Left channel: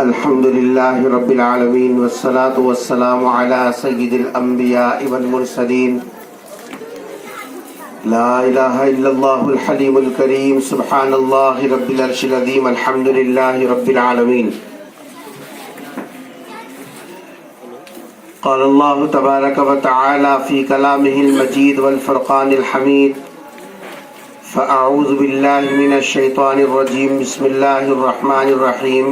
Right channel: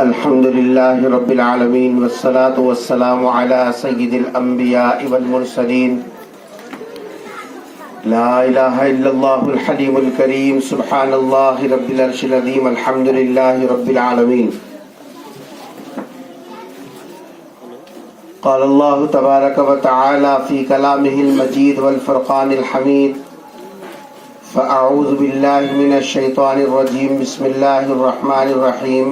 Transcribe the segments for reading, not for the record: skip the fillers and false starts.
الحمد لله رب العالمين والصلاة والسلام على سيد الأنبياء والمرسلين لا إله إلا الله الحليم الكريم سبحان الله رب العرش العظيم الحمد لله رب العالمين. قال الله تبارك وتعالى في كلامه المجيد والفرقان الحميد فأعوذ بالله من الشيطان الرجيم بسم الله الرحمن الرحيم.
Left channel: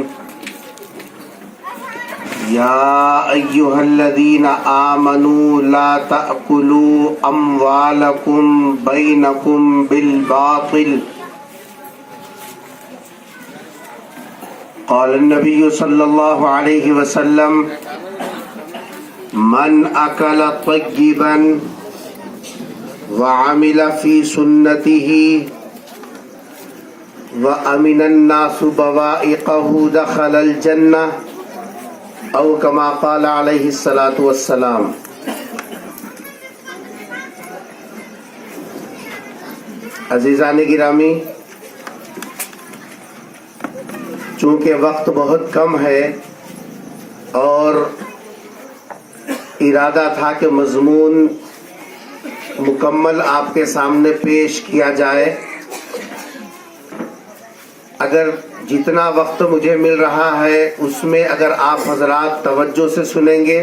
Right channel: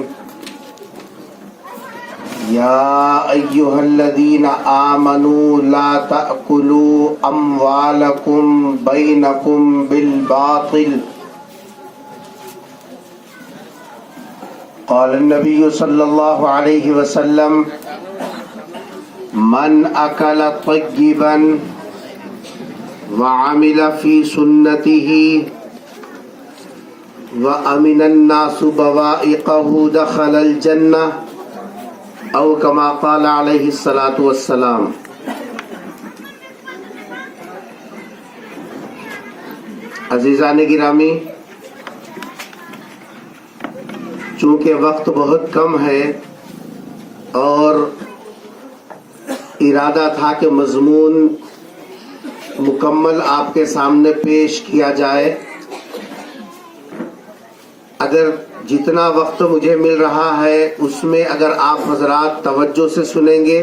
يا أيها الذين آمنوا لا تأكلوا أموالكم بينكم بالباطل. قال النبي صلى الله عليه وسلم من أكل طيبا وعمل في سنته وأمن الناس بوائقه دخل الجنة او کما قال علیہ الصلاۃ والسلام. عزیزان گرامی، چونکہ وقت بہت کم ہے اور ارادہ تھا کہ مضمون مکمل آپ کے سامنے پیش کیا جائے، اگر جتنا وقت مجھے مل رہا ہے اس میں اگر آپ حضرات توجہ سے سنیں گے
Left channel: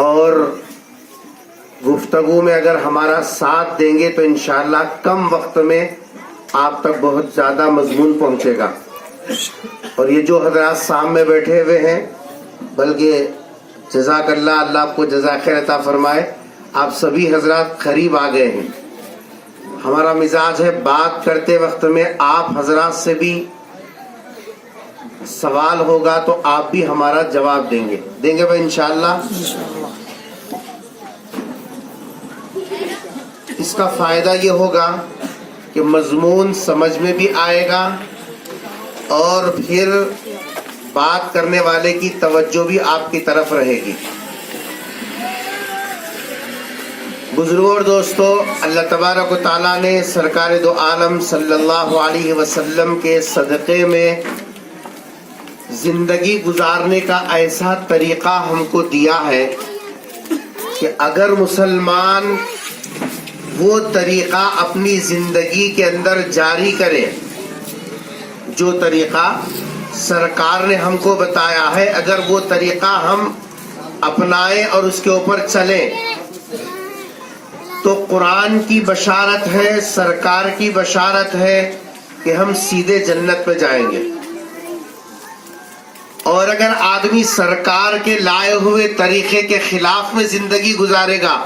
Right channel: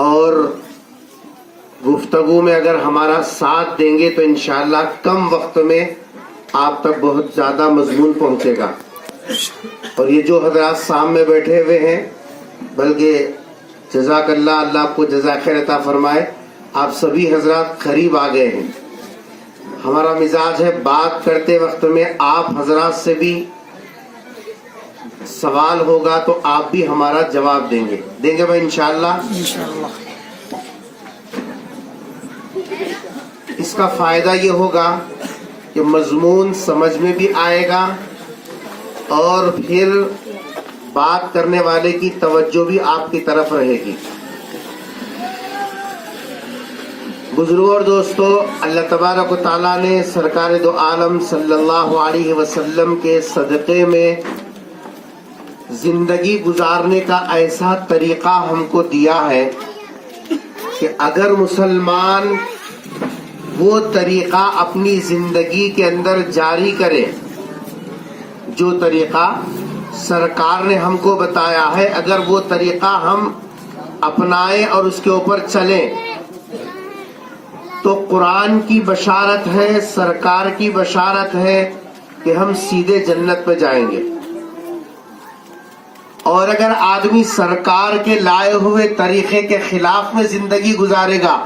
اور گفتگو میں اگر ہمارا ساتھ دیں گے تو انشاءاللہ کم وقت میں آپ تک بہت زیادہ مضمون پہنچے گا. اور یہ جو حضرات سامنے بیٹھے ہوئے ہیں، بلکہ جزاک اللہ، اللہ آپ کو جزاک خیر عطا فرمائے، آپ سبھی حضرات قریب آ گئے ہیں. ہمارا مزاج ہے بات کرتے وقت میں آپ حضرات سے بھی سوال ہوگا تو آپ بھی ہمارا جواب دیں گے بھائی انشاءاللہ. اس کا فائدہ یہ ہوگا کہ مضمون سمجھ میں بھی آئے گا اور پھر بات کرنے والے کی توجہ بھی آپ کی طرف رہے گی. بزرگوں اور دوستو، اللہ تبارک و تعالیٰ نے سرکار دو عالم صلی اللہ علیہ وسلم کے صدقے میں زندگی گزارنے کا ایسا طریقہ ہم کو دیا ہے کہ اگر مسلمان وہ طریقہ اپنی زندگی کے اندر جاری کرے، جو طریقہ سرکار نے ہم کو بتایا ہے، اگر وہ طریقہ ہم اپنائیں اور اس کے اوپر چلیں تو قرآن کی بشارت ہے، سرکار کی بشارت ہے کہ ہم سیدھے جنت میں جائیں گے. اور اگر آدمی سرکار کے لائے ہوئے طریقے کے خلاف میں زندگی گزارے گا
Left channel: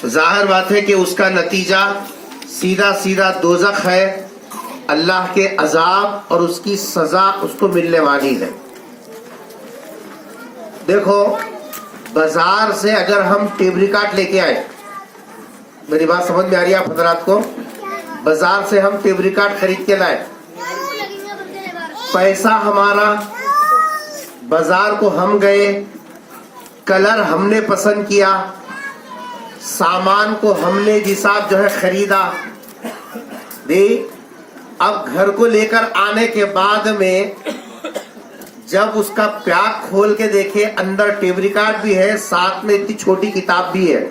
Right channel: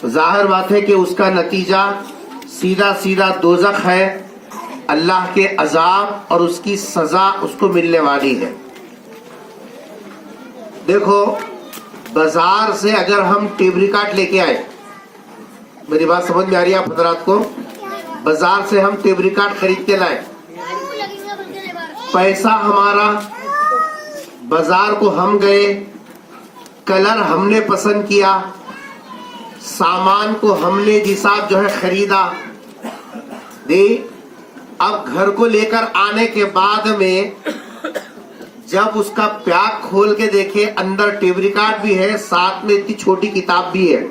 تو ظاہر بات ہے کہ اس کا نتیجہ سیدھا سیدھا دوزخ ہے، اللہ کے عذاب اور اس کی سزا اس کو ملنے والی ہے. دیکھو، بازار سے اگر ہم ٹیپ ریکارڈ لے کے آئے، میری بات سمجھ میں آ رہی ہے آپ حضرات کو؟ بازار سے ہم ٹیپ ریکارڈ خرید کے لائے، پیسہ ہمارا، بازار کو ہم گئے، کلر ہم نے پسند کیا، سامان کو ہم نے جساب جو ہے خریدا، اب گھر کو لے کر آنے کے بعد میں جب اس کا پیک کھول کے دیکھے، اندر ٹیپ ریکارڈ بھی ہے، ساتھ میں اتنی چھوٹی کتاب بھی ہے،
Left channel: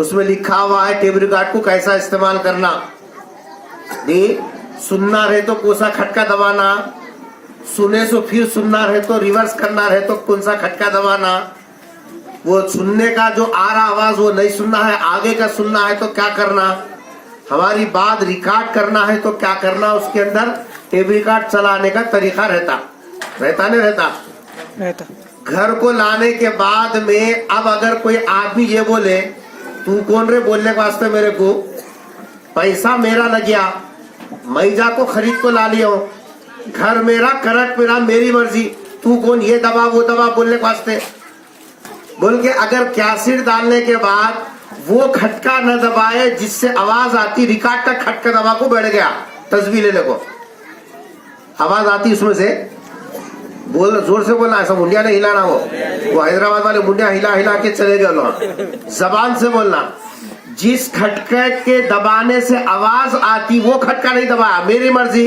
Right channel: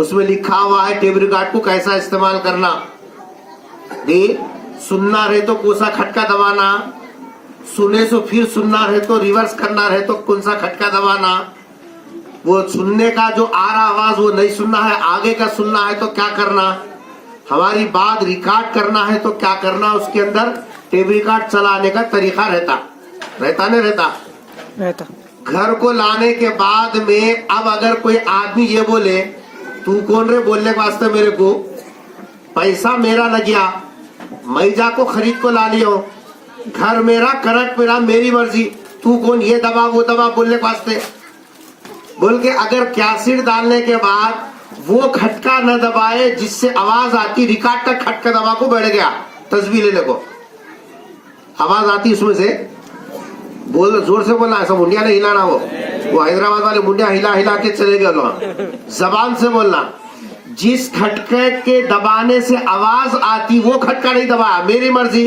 اس میں لکھا ہوا ہے ٹیپ ریکارڈ کو کیسا استعمال کرنا. سننا رہے تو کون سا کھٹکا دبانا، سنے تو پھر سننا رہے تو ریورس کرنا رہے تو کون سا کھٹکا دبانا، وہ سننے کا جو آ رہا آواز وہ نہیں سننا ہے، آگے کا سننا ہے تو کیا کرنا، ہماری بات ریکارڈ کرنا ہے تو کیا کرنا. اس کے اندر ٹیپ ریکارڈ چلانے کا طریقہ رہتا نہیں رہتا. گھر کو لانے کے بعد میں اب اگر کوئی آدمی یہ بولے، تو کون رے بولنے کے واسطے، میرے کو پیسہ میرا لگیا، میں جا کو خرید کو لا لیا ہوں، گھر میرا، کرٹ میرا، میری مرضی، تو کون یہ دبا وہ دبا بولنے کے واسطے. بول کے اگر کیسٹ ڈالنے کے بعد وہ کھٹکا نہ دبائے جس سے آواز آتی، ریکارڈ تک کھٹکا دبا کو بیٹھ گیا تصویر لینے کو، آواز آتی اس میں سے، بول زور سے بولنا، ایسا منڈیا نہیں ہلانا، وہ حیدرآباد والے منڈیا ہلا ہلا کے چلے گئے وہاں. زبان سے بولنا، جس کھٹکے کے دبانے سے آواز آتی وہ کھٹکا نہیں دبایا، میری مرضی.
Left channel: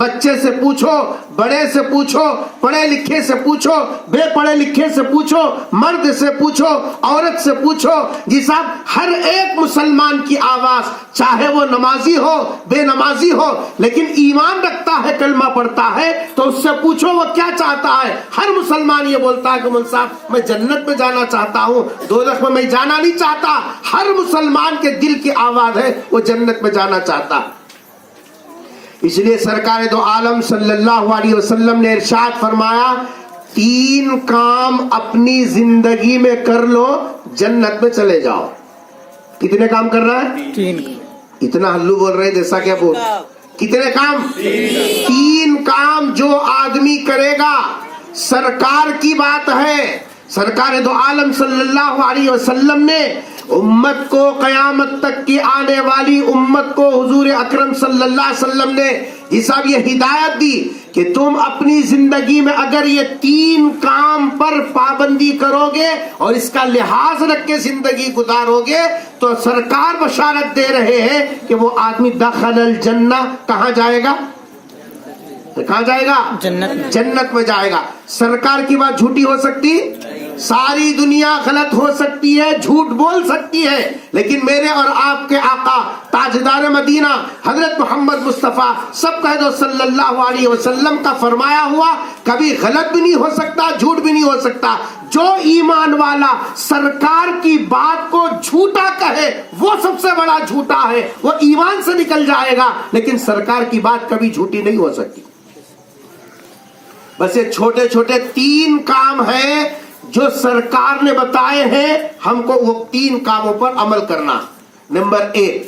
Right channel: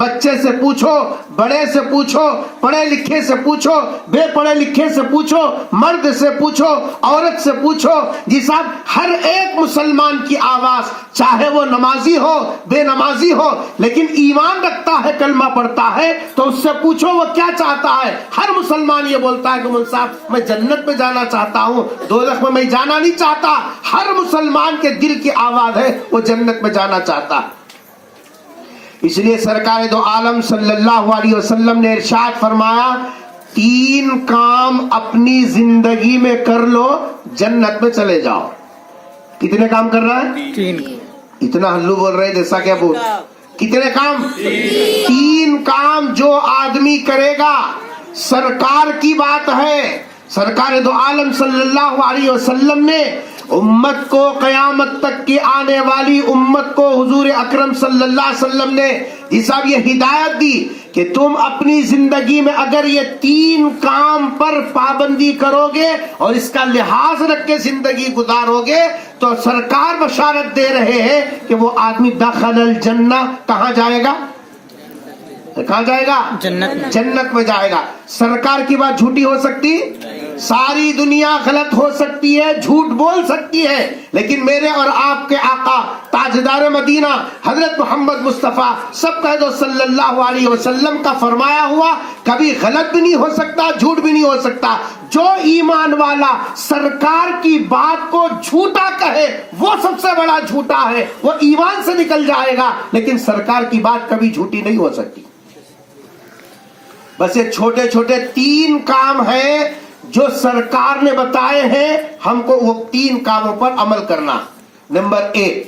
بچے سے پوچھو، بڑے سے پوچھو، پڑھے لکھے سے پوچھو، بے پڑھے لکھے سے پوچھو، مرد سے پوچھو، عورت سے پوچھو، جی صاحب ہر ایک مسلمان کی آواز، چاہے وہ نمازی ہو بے نمازی ہو لیکن ایمان رکھتا ہے، کلمہ پڑھتا ہے، تو اس سے پوچھو وہ کیا چاہتا ہے۔ ہر مسلمان یہ بولتا ہے کہ مول صاحب میں جنت میں جانا چاہتا ہوں، دوزخ میں جانا نہیں چاہتا۔ ہر مسلمان کے دل کی آواز ہے وہ جنت میں جانا چاہتا ہے۔ اس لیے سرکار دو عالم صلی اللہ علیہ وسلم نے ارشاد فرمایا 3 کام اپنی زندگی میں کر لو، جنت میں چلے جاؤ۔ کتنے کام کر رہا ہے؟ 3۔ اتنا ہلو بول رہے جیسا کیا بول، کتنے کام؟ 3 کام جو آدمی کرے گا، سرکار کی بات ہے، سرکار دو عالم صلی اللہ علیہ وسلم نے امت کو، قیامت تک کی آنے والی امت کو حضور اکرم صلی اللہ علیہ وسلم نے یہ ہدایت دی کہ تم اپنی زندگی میں اگر یہ 3 کام پر پابندی کرو گے اور اس کا لحاظ رکھ کے زندگی گزارو گے تو سرکار بشارت دے رہے ہیں کہ وہ آدمی دخل الجنہ، کہاں جائے گا؟ کہاں جائے گا؟ جنت میں جائے گا۔ سرکار کی بات جھوٹی ہو سکتی؟ ساری دنیا غلط ہو سکتی ہے، جھوٹ بول سکتی ہے، لیکن میرے اور آپ کے آقا تاجدار مدینہ حضرت محمد مصطفیٰ سب کہہ دو صلی اللہ علیہ وسلم کا فرمایا ہوا کبھی غلط بھی نہیں ہو سکتا، جھوٹ بھی نہیں ہو سکتا۔ جو ایمان والا سرکار کی بات کو جھوٹا کہے وہ سب سے بڑا جھوٹا ہے، وہ ایمان سے نکل جائے گا، لیکن سرکار کی بات کبھی جھوٹی نہیں ہو سکتی۔ بس یہ چھوٹے چھوٹے 3 کام ہیں جو سرکار نے بتائے ہیں، ہم کو وہ 3 کاموں پر عمل کرنا۔ نمبر 1،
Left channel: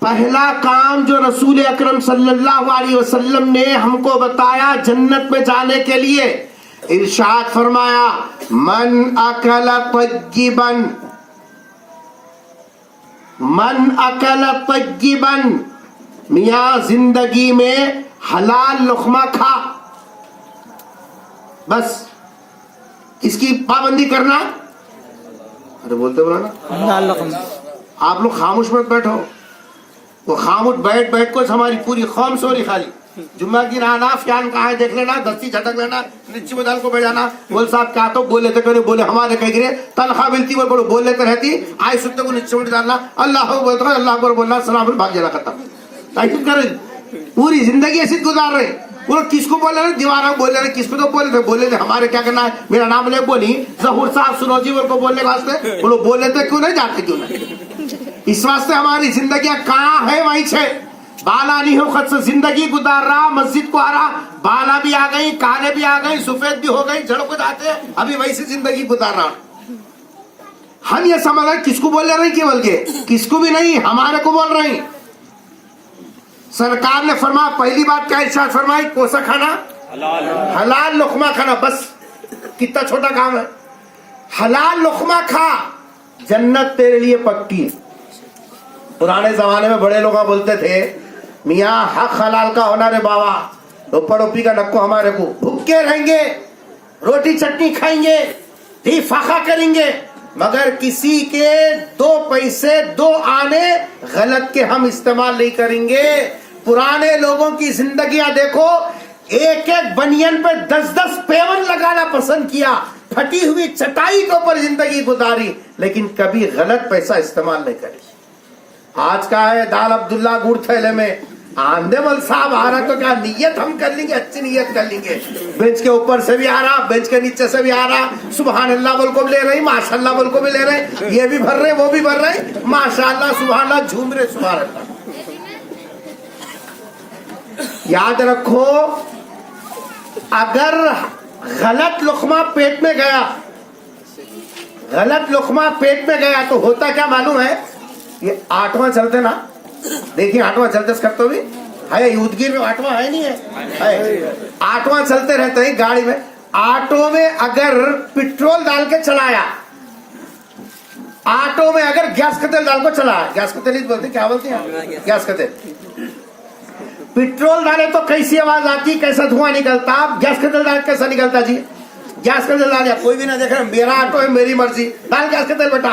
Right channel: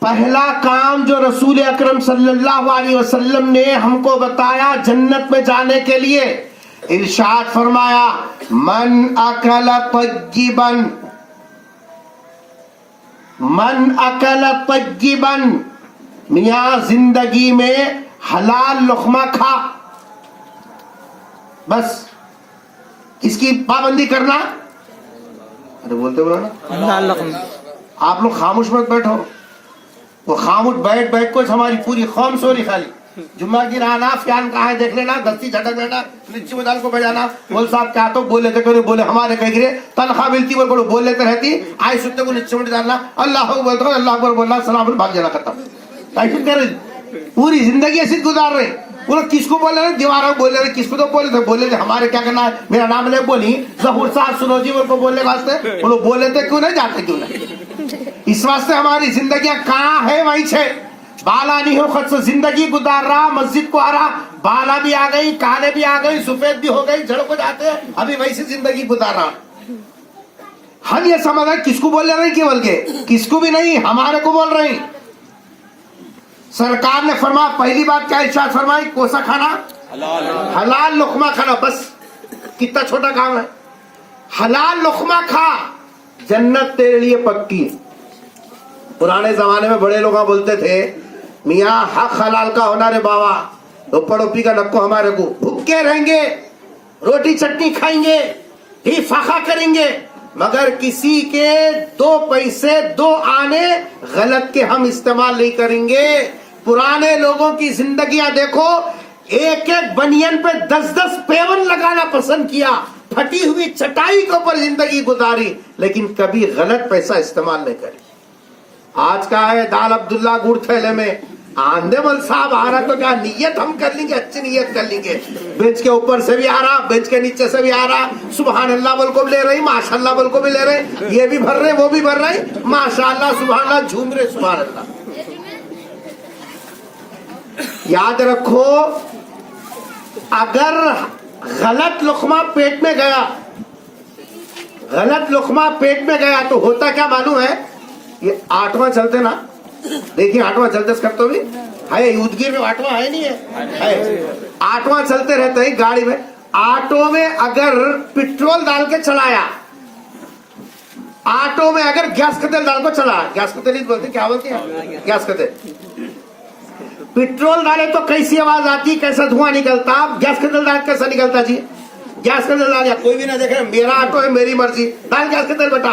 پہلا کام جو رسول اکرم صلی اللہ علیہ وسلم نے ہم کو بتایا جنت میں جانے کے لیے، ارشاد فرمایا من اکل طیبا، من اکل طیبا، میاں زندگی میں حلال لقمہ کھا، بس اس کی پابندی کرنا۔ ارے بولتے بولا نا، آپ لوگ خاموش مت بیٹھو، وہ خاموش بیٹھ بیٹھ کو ہماری پوری قوم سوری خالی۔ جمعہ کی رہنا، فیان کہاں ہے دیکھ لینا، دستی جھٹک لینا، نیچے مدال کو بجانا، بول صاحب کیا تو بول لیتے کرے، بولے ہمارے کہہ گرے تنخواہ ملتی بول لیتے رہتی، آئی سنتے کو نیچے مٹ ڈالنا، اللہ بولتا اللہ اکبر بولنا، سلام بھاگ جانا ختم۔ ایسے کر پوری زندگی ایسی گزار رہے، وہ کس کو بول رہے؟ دیواروں بول رہے، کس کو تو بولے تھے ہمارے کیا کرنا ہے، میرا نام لے بولی ظہور صاحب سنو جی کو بولنے کے واسطے، وہ لوگ بول لیتے کیوں نہیں جاتے، کیوں نہیں؟ اس واسطے ہماری زندگیاں کہاں ہے وہیں سے بالا نہیں ہو، خود سے زندگی گزار رہا، مسجد کو آ رہا، بالا بھی آ گئی، کالے بھی آ گئی، سفید بھی ہو گئی، جڑ کو جاتے ہیں، ابھی وہی سے زندگی گزار رہا۔ ہم یہ سمجھ رہے کس کو بول رہے ہیں، کیول کے کس کو بھی نہیں، ہمارے کو بول رہے ہیں۔ سرکار نے فرمایا پہلی بات کیا ارشاد فرمائی، کوسا کھانا، حلال لقمہ کھانا، بس کتنا چھوٹا کام ہے، حلال لقمہ کھا، جنت تیرے لیے پکی۔ پرانے زمانے میں بڑے لوگ بولتے تھے میاں حق حلال کا ہونا رے بابا، اوپر اوپی کا نکو ہمارے کو، بھوکے رہیں گے، روٹی چٹنی کھائیں گے، ہی فاقہ کریں گے، مگر کسی کے 2 پیسے 2 آنے غلط کے ہم استعمال نہیں کریں گے۔ پرانے لوگوں کی زندگیاں دیکھو، ایک ایک بنین پہ 10 پیون لگانا پسند کیا، پھٹی ہوئی چٹائی کے اوپر زندگی گزاری، لیکن کبھی غلط پیسہ استعمال نہیں کری۔ آج کا ہے دال عبداللہ گڑ تھیلے میں، آندے مل صاحب آ رہا تو کیا نیت ہم کر لیں گے، اچھی نیت کر لیں گے، بینچ کے اوپر سے بھی آ رہا، بینچ کے نیچے سے بھی آ رہا، سبحان اللہ بول کو بھی لے رہی، ماشاء اللہ بول کو بھی لے رہے، یہ بھی بھر رہے وہ بھی بھر رہے، ماشاء اللہ سبحان اللہ جھوم رہے، سبحان اللہ۔ یاد رکھو اگر غلط لقمہ پیٹ میں گیا، غلط لقمہ پیٹ میں گیا تو ہوتا کیا معلوم ہے، یہ 8واں چلتے نا، دیکھیے 8واں چلتے کرتے بھی ہے، یودگیر میں 8واں ہے نہیں ہے، 8واں چلتے رہتے ہیں گاڑی میں، آٹو میں اگر پٹرول ڈال کے چلایا، آٹو میں اگر گیس کا تیل ڈال کو چلایا، گیس کا تیل ہی بولتے کیا بولتے ہیں، گیس کا تیل، پٹرول ڈالے تو کیسی آواز آتی، کیسا دھواں نکلتا، گیس کا تیل ڈال کیسا نکلتا جی، گیس کا تیل ڈالیا کوئی بھی نہ دیکھ رہا، میرا آٹو ہے میری مرضی، ڈال گیس کا تیل بیٹا،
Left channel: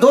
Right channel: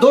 2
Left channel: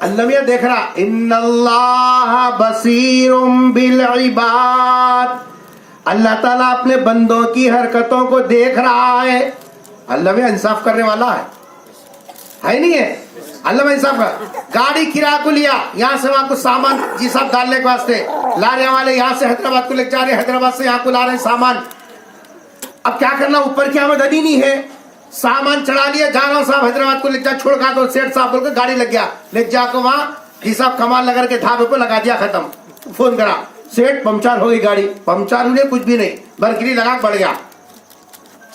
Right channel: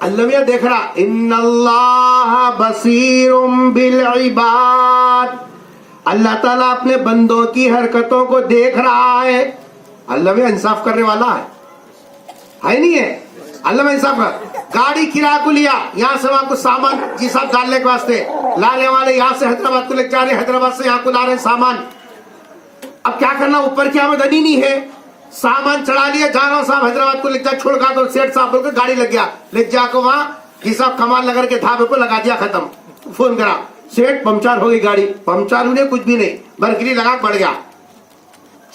اللہ میاں دیکھ رہا ان اللہ بصیر بالعباد، اللہ تعالیٰ اپنے بندوں کی حرکتوں کو دیکھ رہا ہے. اللہ میاں انصاف کرنے والا ہے نہیں ہے؟ اللہ میاں انصاف کر. گاڑی کرایہ کو لیا، یہاں سے وہاں کو سامان جی صاحب ڈالنے کے واسطے، لانے والے یہاں سے حیدرآباد کو لے جا رہے، حیدرآباد سے یہاں کو لا رہے سامان. اب کیا کرنا، اوپر کی آمدنی نہیں ہے، سامان چڑھا لیا، جا رہا صاحب حیدرآباد کو لے جا، چھوڑ گا تو سیٹ صاحب بول کے گاڑی لگ گیا، لے جا کے وہاں حساب کمال نگر کے ڈھابے کو لگا دیا، ختم. فون کرا سیٹ پنچر ہو گئی گاڑی، پنچر ہوئی کچھ بھی نہیں، برکری لگا پڑ گیا.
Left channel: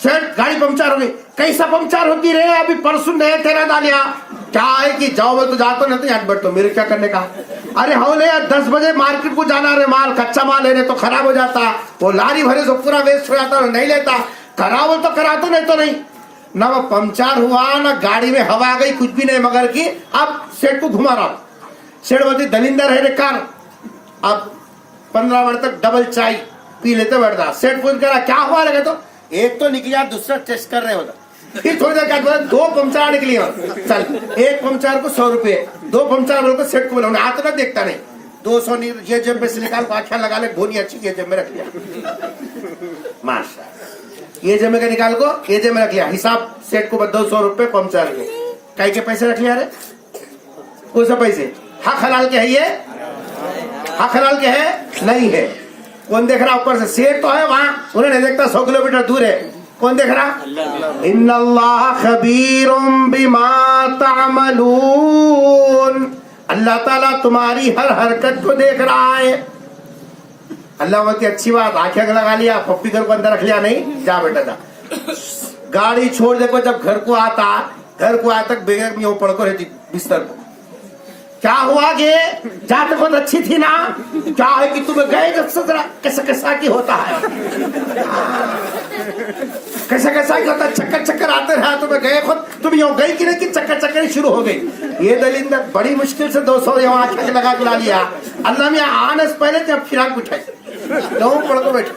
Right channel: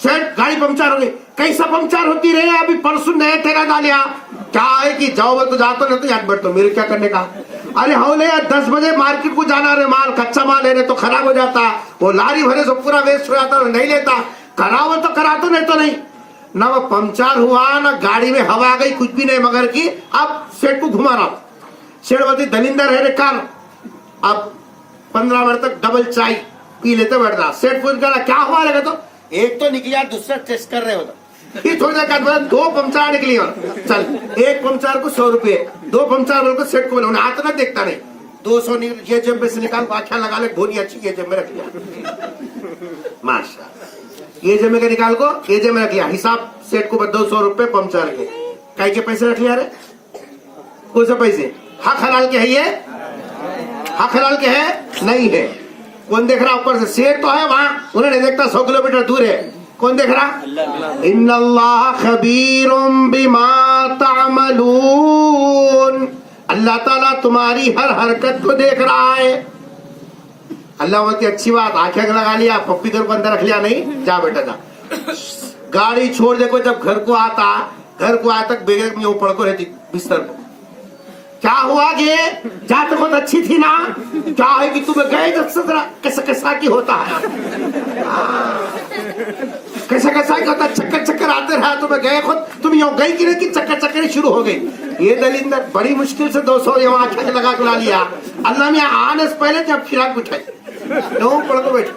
سیٹ گاڑی پنچر ہو گئی، کیسا پنچر ہوتی رہے، ابھی پرسوں نیا تیرا ڈالیا. کیا ہے کہ جاؤ میں تو جاتا نہیں تو یاد بیٹھتا، میرے کیا کرنے کا. ارے ہو لے 10 بجے مارکیٹ کو جانا رہے، مال کچا مال لینے تو خراب ہو جاتا، وہ لاری بھرے تو پورا ویسٹ ہو جاتا، نہیں لیتا. کراو تو کراتا نہیں تو نہیں. نہ وہ پنچر ہوا نہ گاڑی میں ہوا گئی، کچھ بھی نہیں مگر کی. اب سیٹ کو گھما رہا، سیٹ بولتی دلندر ہے کار. اب 15 منٹ تک ڈبل چائے پی لیتے بیٹھ رہا. سیٹ پوچھ کرا کیا ہوا لگا تو ایک تو نکلیا، دوسرا ٹیسٹ کر رہے ہوتا. پھر تھوڑی دیر بعد 2 پنچر نکلی، چل ایک پنچر کو 100 روپے، 2 پنچر بول کو سیٹ کو بولا، انہیں ہاتھ نہ دیکھتا نہیں. 200 یہ جیب میں سے نکال کو آنکھیں لگا لے، گھونی اچھی یہ جیب میں رکھ لیا، ماشاء. یہ جیب میں کا نکال کو یہ جیب میں رکھ لیا، حساب سیٹ کو 200 روپے پنچر کے. کئی کے پیسے رکھ لیا رے، کون سے پیسے؟ حق حلال کے ہے، یہ حق حلال کے ہے نہیں ہے. کون دیکھ رہا اوپر سے؟ سیٹ تو ہے وہاں، انہیں نہیں دیکھتا، 100 کلومیٹر دور ہے. کون دیکھ رہا؟ ان اللہ خبیر بما تعملون، اللہ تعالیٰ تمہاری ہر حرکت کو دیکھ رہا ہے. اللہ بولتی اچھی بات، آنکھیں لگا لیا، پپی گھر کو اندر رکھ لیا نہیں، جا بیٹا جا. گاڑی چھوڑ دیکھو، جب گھر کو آیا تک بغیر میں پڑ کو رہتی بستر کو. کیا ہوا کہ جاتے بہت اچھی تھی نا، کیا ہے کہ تمہیں گئے کیسا کیسا کی ہوتا ہے، کیسا کیسا کی ہوتا ہے، چکر چکر آتے رہا، تمہیں گئے خود تم یوں گئی کہ نہیں کہ چکر چکر شروع ہو گئی. یہ دلیل میں بڑی مشکل سے 200 یہاں آنکھیں لگا کے لا لیا. اللہ میں آنے سے پہلے جب فراق بٹھائی یوں پڑ کو بیٹھے.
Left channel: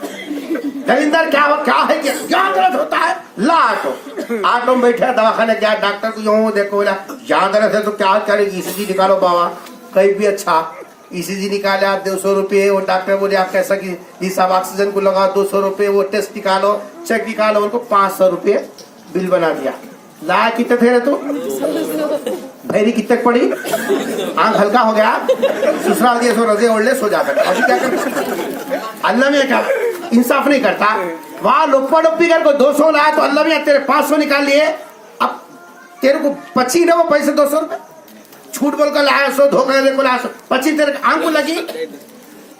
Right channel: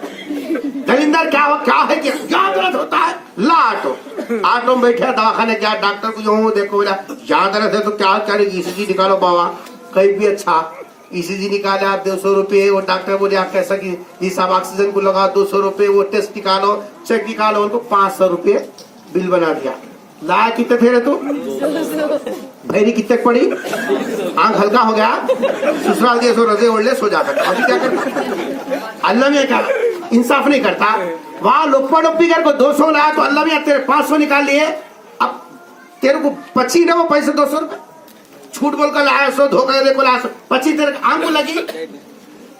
دلیندر کیا ہے کیا درد ہوتا ہے، لا آٹو میں بیٹھے، دواخانے کیا ڈاکٹر کو یوں دیکھو، بولا یہاں درد ہے تو کیا کرے گی، ای سی جی نکالو بابا. کہیں بھی اچھا ای سی جی نکالے، آپ 200 روپے. وہ ڈاکٹر بولے آپ کیسا کی حساب، آکسیجن کو لگا 200 روپے، وہ ٹیسٹ نکالو، چیک نکالو، ان کو 500 روپے بل بنا دیا. لایا کتنے تھے رے تو بھیری کتنے پڑی، آنکھ ہلکا ہو گیا، سسرال دیے سو رضے اوڑھ لے، سو جا کر. ابھی کیا کرتا اللہ میں، کیا انصاف نہیں کرتا. وہاں لپا لپی کر کو 200 لایا تو اللہ میں تیرے 500 نکال لیے. اب تیرے کو پچی نہ وہ پیسے 200 روپے جھوٹ بول کر لایا، 100 دھوکہ دے کو لایا، 100 پچی تیرے آنکھ کو لگی.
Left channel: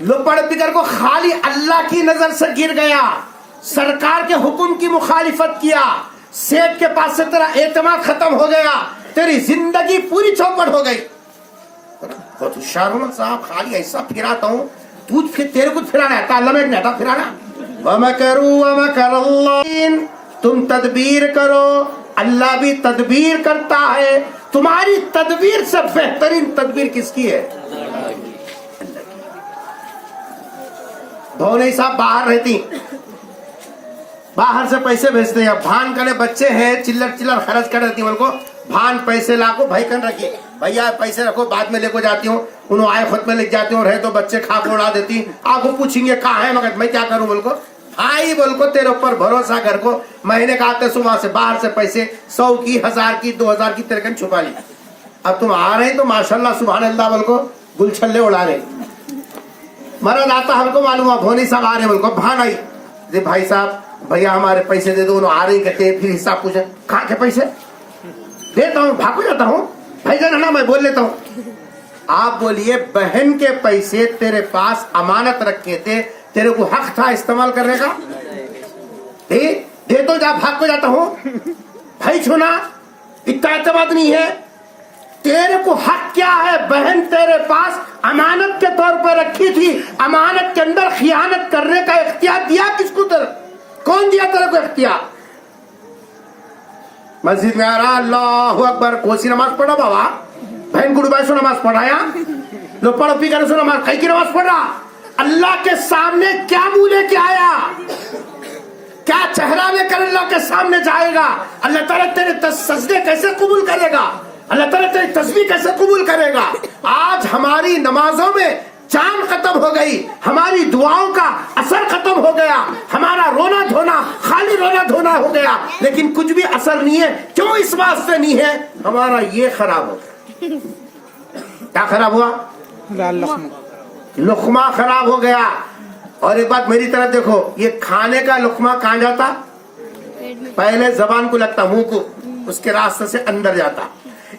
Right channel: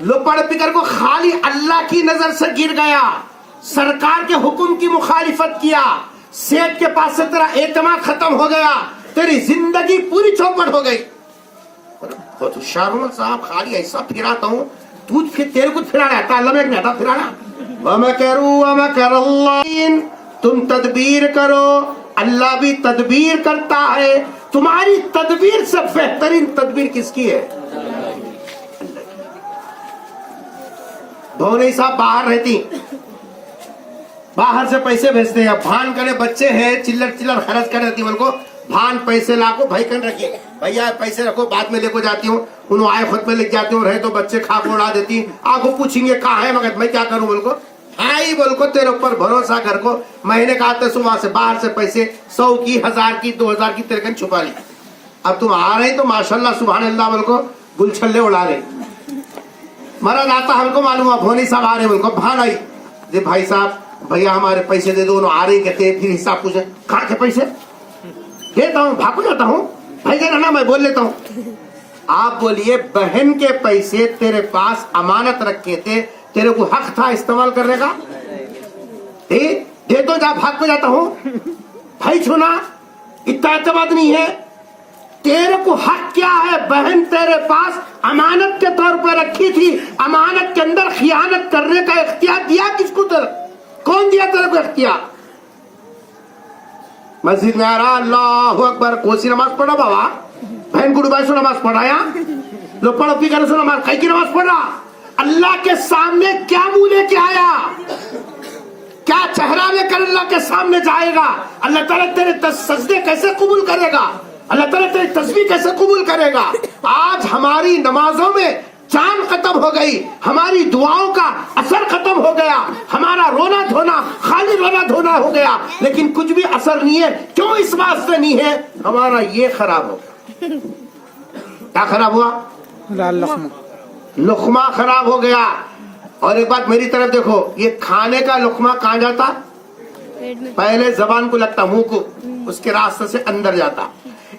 لپا لپی کر کو خالی اللہ کی نظر سے گر گیا، سرکار کے حکم کی مخالفت کیا، سیٹ کے پاس سے تیرا اعتماد ختم ہو گیا، تیری زندگی پوری چوپٹ ہو گئی. بہت ہوشیار ہوں صاحب، خالی ایسا پھراتا ہوں، تو پھر تیرے کو پھرانا ہے، اللہ میں نہیں آتا پھرانا. وَمَكَرُوا وَمَكَرَ اللَّهُ، تم تدبیر کرو، اللہ بھی تدبیر کرتا ہے. تمہاری تدبیر سے بہترین تدبیر کس کی ہے؟ بھونئی صاحب باہر رہتی، باہر سے پیسے بھیجتے ہیں، بھان کرے بچے ہیں، چلر چلر خرچ کر دیتی ہوں، ان کو بھان پیسے لا کو بھائی کن رکھیے، بھیا پیسے رکھو بعد میں لے کو جاتی ہوں. انہوں آئے خود میں لے جاتی ہوں، رہے تو بچے کھا کو اڑا دیتی. آپ کو پوچھیں گے کہاں ہے، مگر میں کیا کروں، بول کو آئی بول کو تیرے اوپر بھروسہ کر کو مہینے کا آتے سو وہاں سے باہر سے پیسے 100 کی 1000 کی 2000 کی تیرے کن چھپا لی. اب تم آ رہے تو ماشاءاللہ سبحان اللہ بول کو گل چھلے اڑا رہے. مرن آتا ہم کو معلوم ہے، بھونی صاحب آ رہے بول کو بھان آئی، جی بھائی صاحب بھیا ہمارے پیسے دے دو. انہوں آ رہی کہتے پھر حساب پوچھے کہاں کے پیسے دیتا ہوں، بھاگ جاتا ہوں، بھائی جانا نا میں بول لیتا ہوں. آپ بولیے بہن کے پیسے تیرے پاس امانت رکھے تھے، تیرے کو حق تھا استعمال کرنے کا، دے دو جا، بھاگ کو جاتا ہوں. بھائی چھونا اتنا اعتماد نہیں ہے، تیرے کو حق کیا ہے، بہن تیرے پاس امانت کے طور پر رکھی تھی، امانت کے اندر خیانت کرنے کا اختیار دیا کس کو، کون دیا تیرے کو اختیار؟ مسجد میں آ رہا، اللہ اکبر، کوسی نماز پڑھا بابا، بہن کو ڈوبائی سو نماز پڑھایا، لوگ پڑھو پی کر سو نماز، کئی کی نماز پڑھ رہا. اللہ کے سامنے کیا منہ لے کے آیا، کیا چہرہ لے کر اللہ کے سامنے جائے گا؟ اللہ تعالیٰ تیرے سجدے کیسے قبول کرے گا؟ اللہ تعالیٰ تیری تسبیح کیسے قبول کرے گا؟ آج ہماری نمازوں میں جان ختم ہو گئی، ہماری دعاؤں کا اثر ختم ہو گیا، ہمارا رونا دھونا خالی رونا دھونا ہو گیا، لیکن کچھ بھی اثر نہیں ہے۔ کیوں؟ اس واسطے نہیں ہے، ہمارا یہ خراب ہو گیا۔ کیا خراب ہوا؟ لقمہ خراب ہو گیا۔ اور ایک بات میری طرف دیکھو، یہ کھانے کا لقمہ کہاں جاتا؟ پہلے زبان کو لگتا، منہ کو، اس کے راستے سے اندر جاتا۔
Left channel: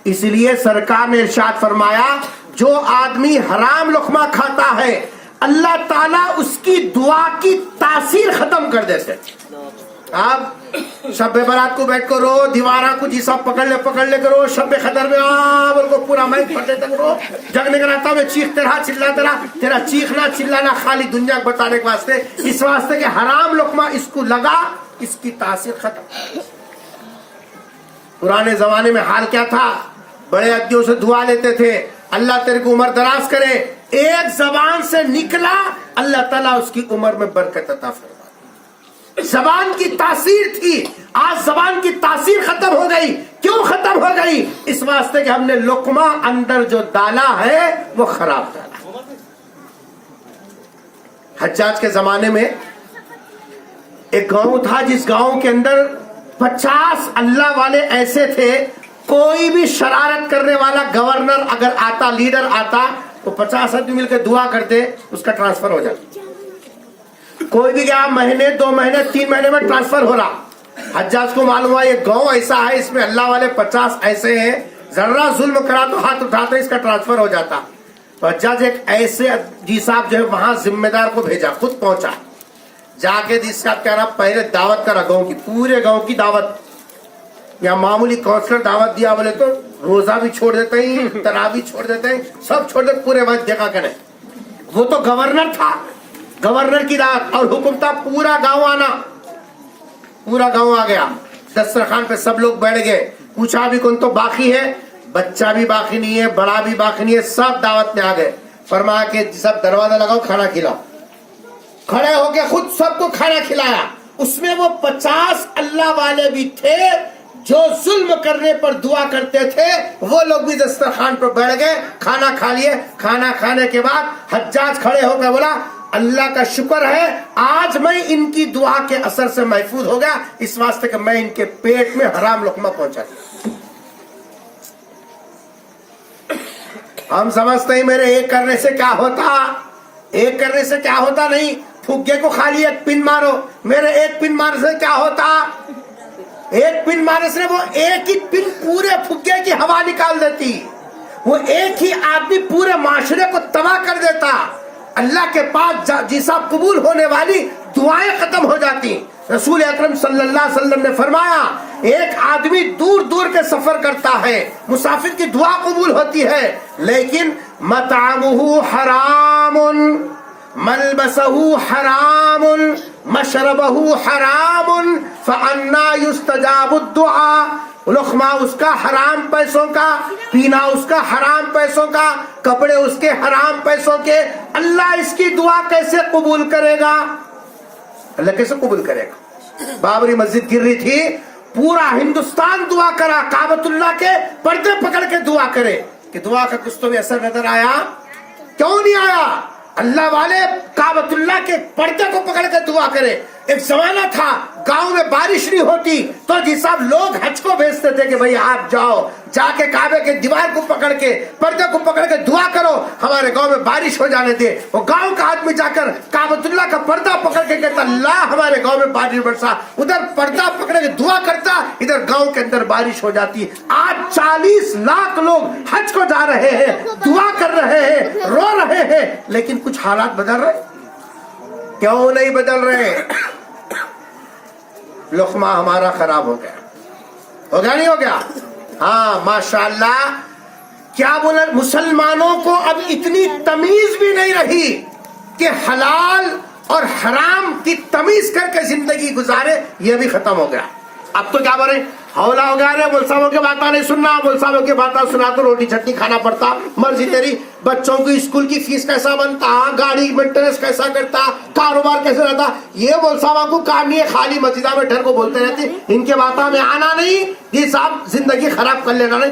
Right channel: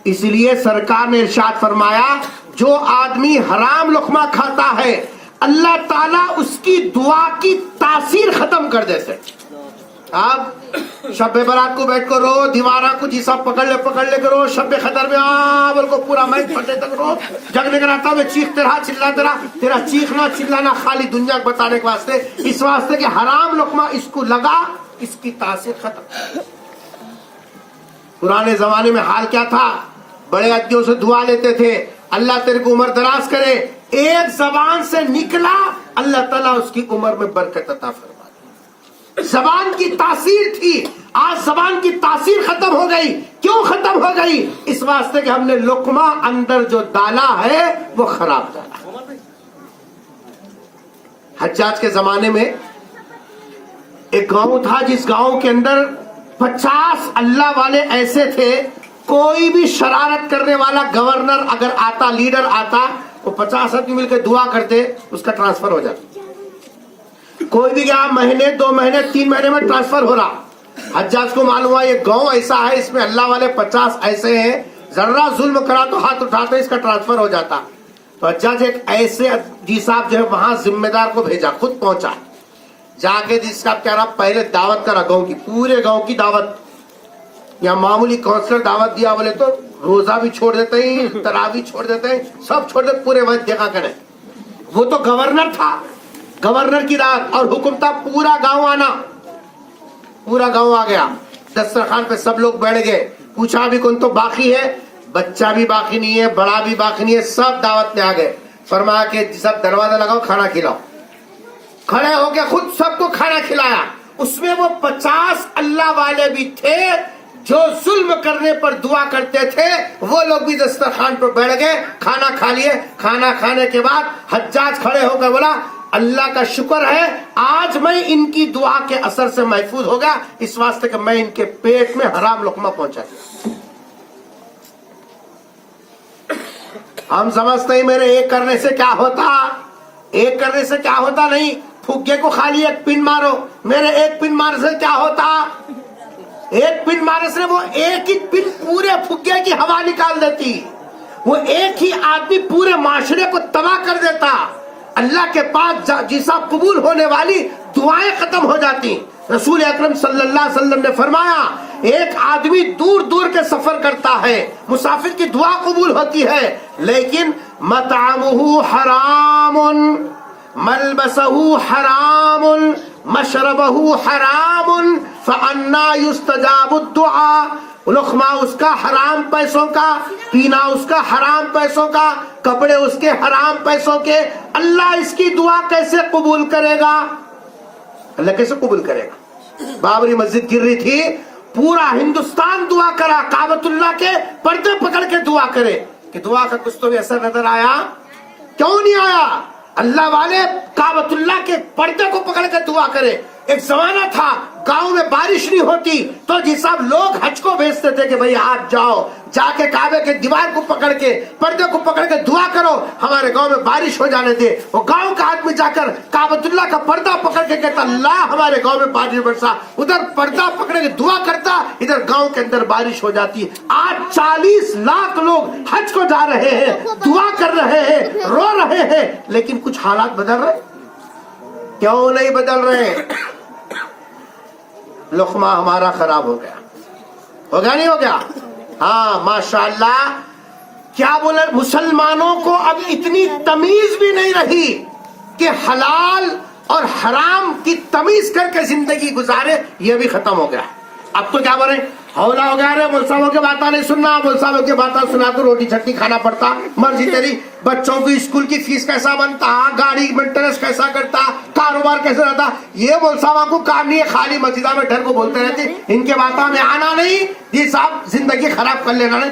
اس لیے سرکار نے ارشاد فرمایا جو آدمی حرام لقمہ کھاتا ہے اللہ تعالیٰ اس کی دعا کی تاثیر ختم کر دیتے۔ آپ شب برات کو بیٹھ کر رو، دیوارہ کو جیسا پکڑ لے کرو، شب خطر میں بول کو پورا مائک پڑھتے تک رو، جگنے کا رہتا میں چیختے رہا، چلاتے رہا، تیرا چیخنا چلانا خالی دنیا کو بتانے کے واسطے، اس واسطے کہ حرام لقمہ اس کو لگا، اس کی تاثیر ختم۔ پرانے زمانے میں حال کیا تھا؟ بڑے ادیوں سے دعا لیتے تھے، اللہ تیرے کو عمر دراز کرے، ایک زبان سے نکلا اللہ تعالیٰ اس کی عمر میں برکت عطا فرما دے۔ زبان کی تاثیر تھی، آج زبان کی تاثیر ختم ہو گئی۔ کیوں ختم ہو گئی؟ اس واسطے کہ ہم نے لقمہ اندر جو ڈالا ہے وہ خراب ڈالا۔ حجاج کے زمانے میں ایک گاؤں تھا، جس گاؤں کے اندر 50 اللہ والے ایسے تھے، کوئی بھی شرارت کرنے والا گورنر اگر آتا، لیڈر آتا، تو 50 آدمی مل کے دعا کرتے، اس کا ٹرانسفر ہو جاتا۔ کوئی بھی گیا مہینے 2 مہینے 3 مہینے میں ٹرانسفر ہو رہا۔ حجاج کو معلوم ہوا یہ گاؤں ایسا ہے، اس میں اللہ والے 50 ایسے ہیں، ذرا ظلم کرا تو ہاتھ اٹھاتے، اس کا ٹرانسفر ہو جاتا۔ تو حجاج ایک ایسے جی صاحب جو ہے وہاں ذمہ دار کو بھیجا، خود پہنچا، جا کے جی صاحب کہہ رہا پہلے دعوت کرا گاؤں کی، پورے گاؤں کی دعوت، یا معمولی کونسلر دعوت دیا بولے تو روزہ بھی چھوڑ دیتے ہیں، تراویح چھوڑ دیتے ہیں، سب چھوڑ دیتے، پورے وقت جگہ کریں۔ وہ تو گورنر تھا، گورنر کی دعوت اور حکم تھا پورا گاؤں آنا۔ پورا گاؤں آ گیا، دسترخوان پہ سب لوگ بیٹھ گئے، پوچھا بھی کون تو باقی ہے؟ بچہ بھی باقی نہیں ہے، بڑا بھی باقی نہیں ہے، سب دعوت میں آ گئے۔ فرمایا کہ سب دروازہ لگاؤ، کھانا کھلاؤ۔ کھڑے ہو کے خود سب کو کھانا کھلایا۔ اس میں وہ 50 اللہ والے بھی تھے جو ظلم کرنے پر دعا کرتے تھے، وہ لوگ بھی دسترخوان پر بیٹھ گئے، کھانا کھا لیے۔ کھانا کھانے کے بعد حجاج کھڑے ہو گئے، بولا اللہ کا شکر ہے آج میں ان کی دعا کے اثر سے محفوظ ہو گیا، اس واسطے کہ میں ان کے پیٹ میں حرام لقمہ پہنچا دیا۔ ہم سمجھتے ہیں میرے ایک کرنے سے کیا ہوتا، ایک کرنے سے کیا ہوتا، نہیں، پھگے کو خالی ایک پن مارو، میرے ایک پن مارنے سے کیا ہوتا؟ ایک پن مارنے سے وہ ایک ہی پن پورے پھگے کی ہوا نکال دیتی، وہ ایک ہی آدمی پورے معاشرے کو تباہ کر دیتا۔ اللہ کے پاس جیسا قبول ہونے والی دعائیں ختم ہو جاتی۔ رسول اکرم صلی اللہ علیہ وسلم نے فرمایا ایک آدمی دور دور کے سفر کرتا ہے، مسافر کی دعا قبول ہوتی ہے، لیکن مطعمہ حرام، ملبسہ حرام، مشربہ حرام، فانا یستجاب الدعاء۔ لقمہ اس کا حرام پیسوں کا، پینا اس کا حرام پیسوں کا، کپڑے اس کے حرام پیسوں کے، اللہ اس کی دعا کیسے قبول کرے گا؟ اللہ کیسے قبول کرے گا؟ بابری مسجد گر رہی تھی، پورا ہندوستان دعا کرا، کعبۃ اللہ کے پردے پکڑ کے دعا کرے، کہ دعا کا کچھ تو بھی اثر نظر آیا؟ کیوں نہیں آیا؟ اللہ والے کعبۃ اللہ کے پردے کو پکڑ کے دعا کرے۔ ایک زمانہ تھا گاؤں میں بارش نہیں ہوتی تو جی صاحب لوگ حج کو بھیجتے تھے کہ بھئی آپ جاؤ، جا کے کعبے کے دیوار کو پکڑ کے پردے کو پکڑ کے دعا کرو ہمارے گاؤں میں بارش ہو جانے دے۔ وہ گاؤں کا آدمی جا کر کعبۃ اللہ کا پردہ پکڑ کے کہتا اللہ ہمارے گاؤں میں بارش برسا، ادھر پردہ پکڑ کے دعا کرتا، ادھر گاؤں کے اندر بارش ہو جاتی۔ آج 40 لاکھ لوگ حج کو جا رہے ہیں، دعا کر رہے ہیں، رو رہے ہیں، لیکن کچھ حالات بدل رہے؟ کیوں نہیں بدل رہے؟ لقمہ ہمارا خراب ہو گیا، ہو گیا نہیں ہو گیا؟ ہاں ماشاءاللہ، کیا بولے، مسلمانوں کو اب اتنی تمیز بھی نہیں رہی کہ حلال اور حرام کی تمیز کر کے زندگی گزارے، یہ بھی ختم ہو گیا۔ اب تو کیا بولے، ہولا ہو گیا رے، مول صاحبوں کی باتیں نہیں سننا، مول صاحبوں کی باتیں سنا تو روٹی چٹنی کھانا پڑتا، مرضی تیری، بچوں کی اسکول کی فیس کیسا بنتا، گاڑی مینٹیننس کیسا کرتا، کاروبار کیسا رہتا، یہ مول صاحبوں کو کام نہیں ہے، خالی مسجدہ میں ڈر کو بولتے رہتے، ان کے باتوں میں آنا نہیں، یہ صاحب زندگی خراب کر لینا نہیں۔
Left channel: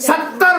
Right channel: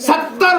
70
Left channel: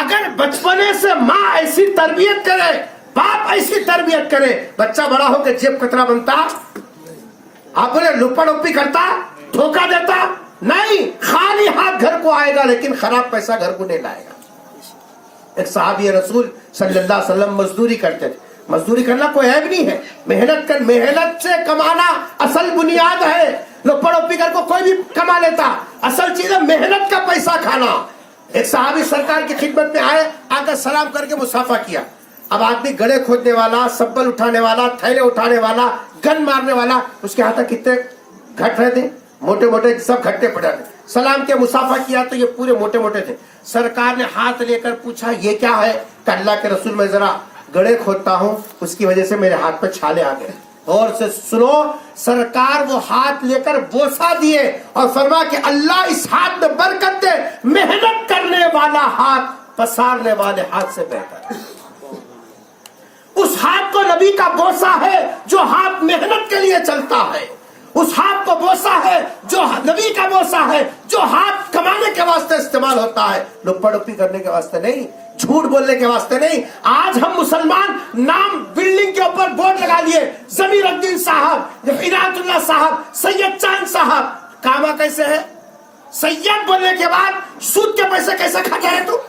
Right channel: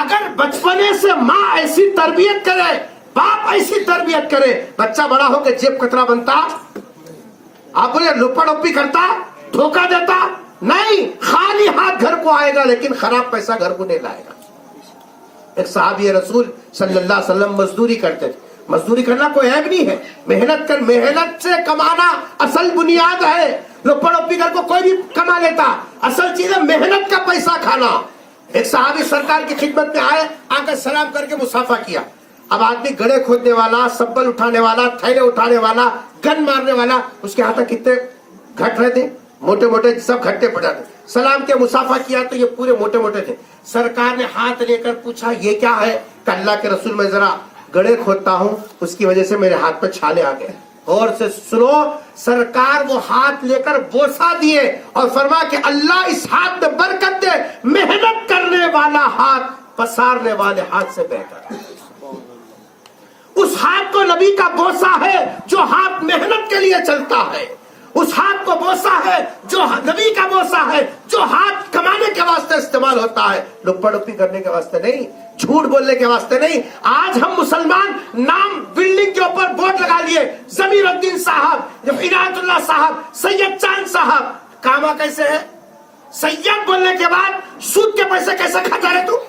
اگر بچپنے سے ماں ایسی تربیت کرے، باپ ایسی تربیت کرے، بچہ بڑا ہو کے جیب کترا بنتا، آپ بولے لپڑ اپی کرتا، دھوکہ دیتا نہیں، خالی ہاتھ گھر کو آئے گا لیکن خراب پیسہ گھر کو نہیں لائے گا۔ ایک صحابی رسول صلی اللہ علیہ وسلم مزدوری کرتے تھے، مزدوری کرنا کوئی عیب نہیں ہے، محنت سے کمانا اصل بنیاد ہے، لپڑ اپی کر کو کوئی بھی کما لیتا، اصل چیز ہے محنت کا پیسہ کھانا۔ ایک صحابی سرکار کی خدمت میں آئے، آ کر سلام کر کے مصافحہ کیا۔ اب آدمی گڑھے کھودنے والا، سبل اٹھانے والا، تھیلے اٹھانے والا، گن مارنے والا، اس کے ہاتھ کتنے گھٹ رہے تھے، موٹے موٹے سب گھٹے پڑ جاتے۔ سلام کے مصافحہ کیا تو یہ پورے موٹے موٹے تھے۔ سرکار نے ہاتھ لے کر پوچھا یہ کیا ہے؟ کہ اللہ کے رسول میں ذرا گڑھے کھودتا ہوں، اس کی وجہ سے میرے ہاتھ پہ چھالے آ گئے۔ اور سے سنو، سرکار وہ ہاتھ لے کر بوسا دیے اور فرما کہ اللہ اس ہاتھ میں برکت دے، محنت کرنے والا ہاتھ پسارنے والے ہاتھ سے بہتر ہے۔ اس ہاتھ کو نبی کا بوسا ہے جو ہاتھ محنت کے لیے چلتا ہے، اس ہاتھ کو بوسا ہے جو نبی کا بوسا ہے جو ہاتھ کمانے کے واسطے استعمال ہوتا ہے، لپڑ اپی کرنے کے واسطے نہیں، جھوٹ بولنے کے واسطے نہیں۔ آج ہم مسلمان نام بلڈنگ کے اوپر بورڈ لگا لیے، ضمیر الدین صاحب، عنایت اللہ صاحب، سید چاند صاحب، کاما کیسے ہے؟ سید بولنے کے بعد سود کے پیسے کیسے کھاتا ہے تو؟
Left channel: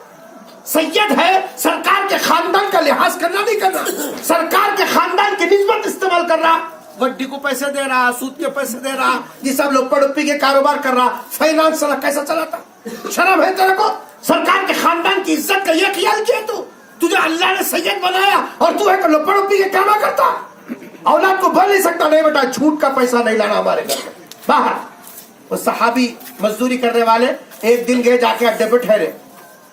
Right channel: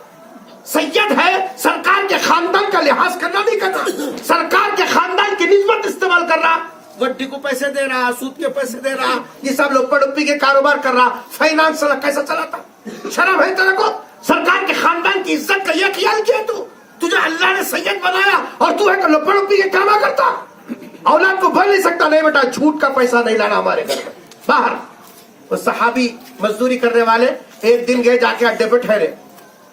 سید ہے، سرکار کے خاندان کا لحاظ کرنا نہیں کرنا، سرکار کے خاندان کی نسبت استعمال کر رہا، وڈی کو پیسے دے رہا، سود کے پیسے دے رہا، یہ سب لوگ پڑوپی کے کاروبار کر رہا، فائنانس کیسا چلاتا؟ شرم ہے تیرے کو؟ سرکار کے خاندان کی عزت کا یہ خیال کیا تو؟ تجھے اللہ نے سید بنایا اور تو ہے کہ لپڑوپی کے کاما کرتا؟ اولاد کو بول نہیں سکتا نہیں بیٹا جھوٹ کا پیسہ نہیں لانا ہمارے گھر میں باہر۔ وہ صحابی مزدوری کرنے والے ایک دن گئے، جا کے اڈے پہ ٹھہرے،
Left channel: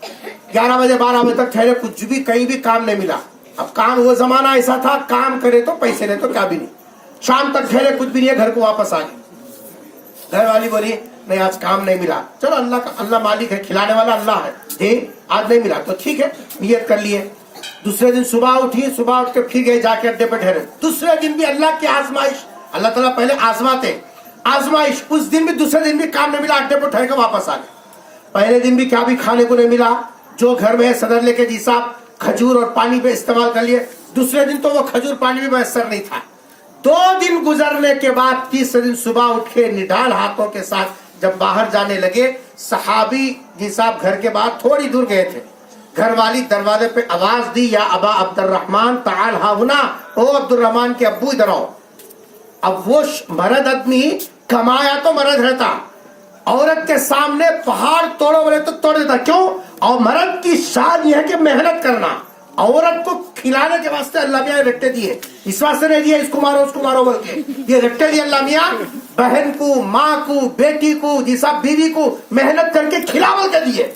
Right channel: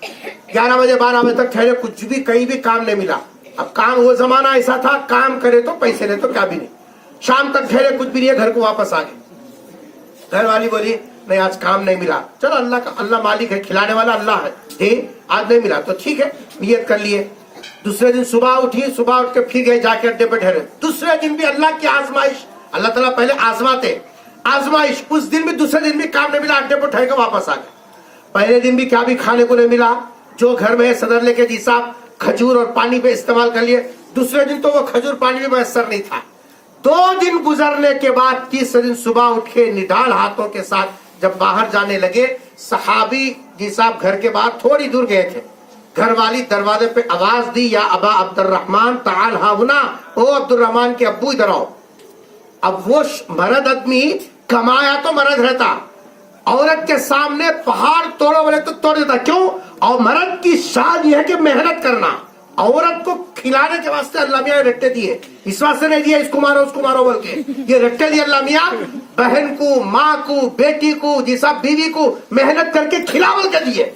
11 بجے 12 بجے تک ٹھہرے، کچھ بھی کہیں بھی کام نہیں ملا۔ اب کام، وہ زمانہ ایسا تھا کام کرے تو پیسے نہیں تو کیا بھی نہیں۔ شام تک ٹھہرے، کچھ بھی نہیں ہے، گھر کو واپس آ گئے۔ گھر والی بولی نہیں آج کام نہیں ملا، چلو اللہ مالک ہے، کھلانے والا اللہ ہے، آج نہیں ملا تو ٹھیک ہے، نیت کر لیے۔ دوسرے دن صبح اٹھی، صبح اٹھ کے پھر گئے، جا کے اڈے پہ ٹھہرے۔ دوسرے دن بھی اللہ کی آزمائش، اللہ تعالیٰ پہلے آزماتے، آزمائش، اس دن بھی دوسرے دن بھی کام نہیں ملا، اڈے پہ ٹھہر کے واپس آ گئے۔ پہلے دن بھی کیا بھی کھانے کو نہیں ملا، جو گھر میں صدر لے کے جی صاحب کھجور اور پانی پہ استعمال کر لیے۔ دوسرے دن تو وہ کھجور پانی بھی میسر نہیں تھا۔ 2 دن گزرنے کے بعد تیسرے دن صبح اٹھ کے نڈال ہاتھوں کے ساتھ جب باہر جانے لگے، صحابی جی صاحب گھر کے باہر تھوڑی دور گئے تھے، گھر والی دروازے پہ آواز دی، یا ابا عبد الرحمن تعال ہا ہونا، او عبد الرحمن کے ابو ادھر آؤ۔ اب وہ مرد آدمی کمایا تو مرد رہتا، عورت کے سامنے پہاڑ توڑو بولے تو توڑ دیتا، کیوں؟ اور مرد کی شان یہ ہے کہ محنت کرنا، عورت کو کھلانے کے واسطے اللہ میاں رٹے دیے، اس واسطے نہیں دیے اس کو مارو بول کے، یہ رٹے دیے اللہ میاں بہن کو، ماں کو، بیٹی کو، جی صاحب بیوی کو محنت کر کے کھلا بول کے دیے۔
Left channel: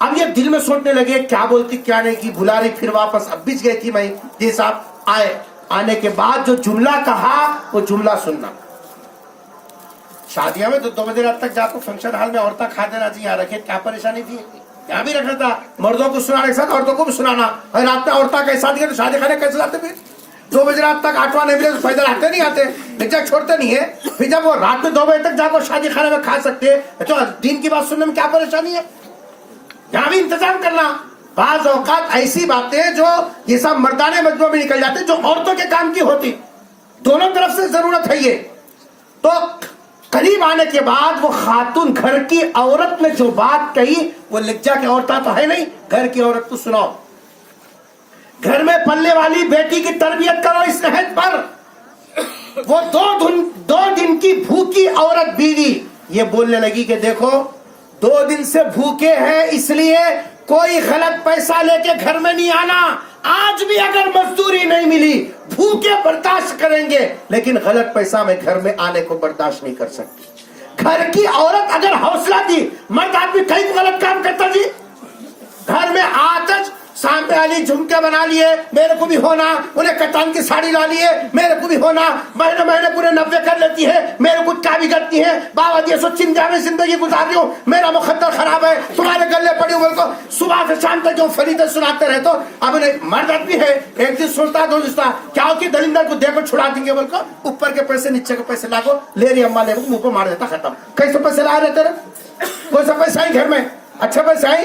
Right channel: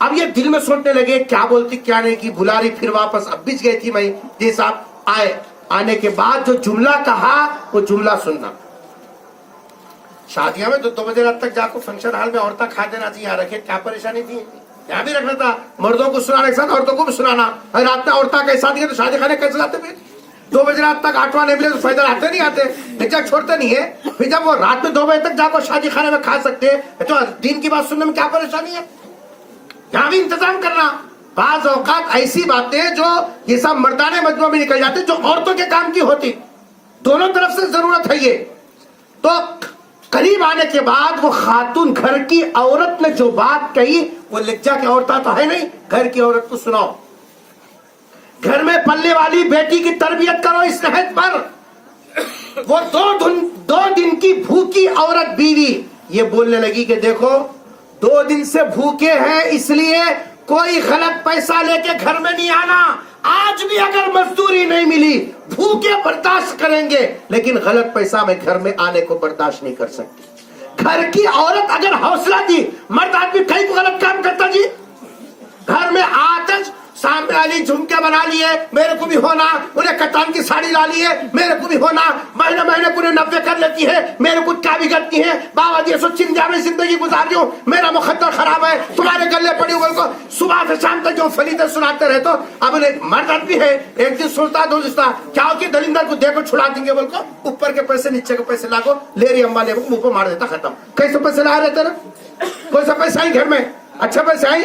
اب یہ دل میں سوچنے لگے کیا بولتی کیا نہیں کی، بلا رہی، پھر واپس اب بیچ گئی تھی میں، جی صاحب آئے، آنے کے بعد جو جملہ کہا وہ جملہ سننا۔ شادیاں میں 2 بجے رات تک جا کو فنکشن ہال میں عورتیں کھا دینا چاہیے، یہاں رکھے کیا پریشانی تھی، یہاں بھی رکھنا تھا، مردوں کو سنانے کے ساتھ عورتوں کو بھی سنانا، رات میں عورتیں کے ساتھ تو شادی خانے کیسے جاتے پھر؟ 2 بجے رات تک 8واں نہیں ملے تو فائدہ آتے نہیں آتے، بچہ چھوڑتے نہیں ہے، پھر جب وہ رات میں 2 بجے تک جا کو شادی خانے میں کھا سکتے تو دین کی بات سننے میں کیا پریشانی ہے؟ یہاں بھی انتظام کرنا۔ بعض اوقات ایسی باتیں جو یہ سب مردانے مجموعہ میں نکل جاتے جو عورتوں کے کام کی ہوتی، دونوں طرف سے ضرورت ہے یہ۔ تو قریب آنے کے بعد وہ خاتون گھر کی عورت نے جو بات کہی وہ لجا کی عورتیں تو ہے نہیں، گھر کی عورت کو سناؤ، گھر میں پلنے والی بیٹی کی تربیت کرو اس نہج پر۔ وہ 2 دن کی بھوکی عورت بیوی یہ بولنے لگی کہ دیکھو 2 دن سے بھوکے ہیں، اس لیے کوئی غلط پیسہ لے کے گھر میں نہیں آنا، آج بھی اگر مزدوری نہیں ملی بھوکے برداشت کریں گے، لیکن غلط پیسہ میں گھر میں آنے کو برداشت نہیں کر سکتی۔ گھر کی عورت اگر حوصلہ دی، مرد آدمی کئی غلط کام کرتا جی، گھر میں آتش سامنے والی جھمکے بنا لیے، میرے کو بھی ہونا، انہیں کتان کی ساڑی لا لیے، میرے کو بھی ہونا، مہینے پورے 90 کر لیتی ہے، میرے کو کیا بگڑتی ہے، بابا جی سو چنجا میں زندگی گزار رہی ہوں، میرا مقدر خراب ہے، تمہارے گلے پڑی ہوئے کو صبح سے شام تک جو فریدیں سناتے رہے تو اب مرد آدمی ہے، ایک دن سوچتا دو دستا کیا ہو کہ دلندر کو دیکھو چھڑا دیں گے بول کو، اوپر کے پیسے نیچے کے پیسے لاگو، لے رہی اماں لے منہ پہ مار دیتا، ختم۔ کیسے پیسے لا رہے تیرے؟ کوئی سا پیسے آئی گھر میں، اچھے پیسے آئی،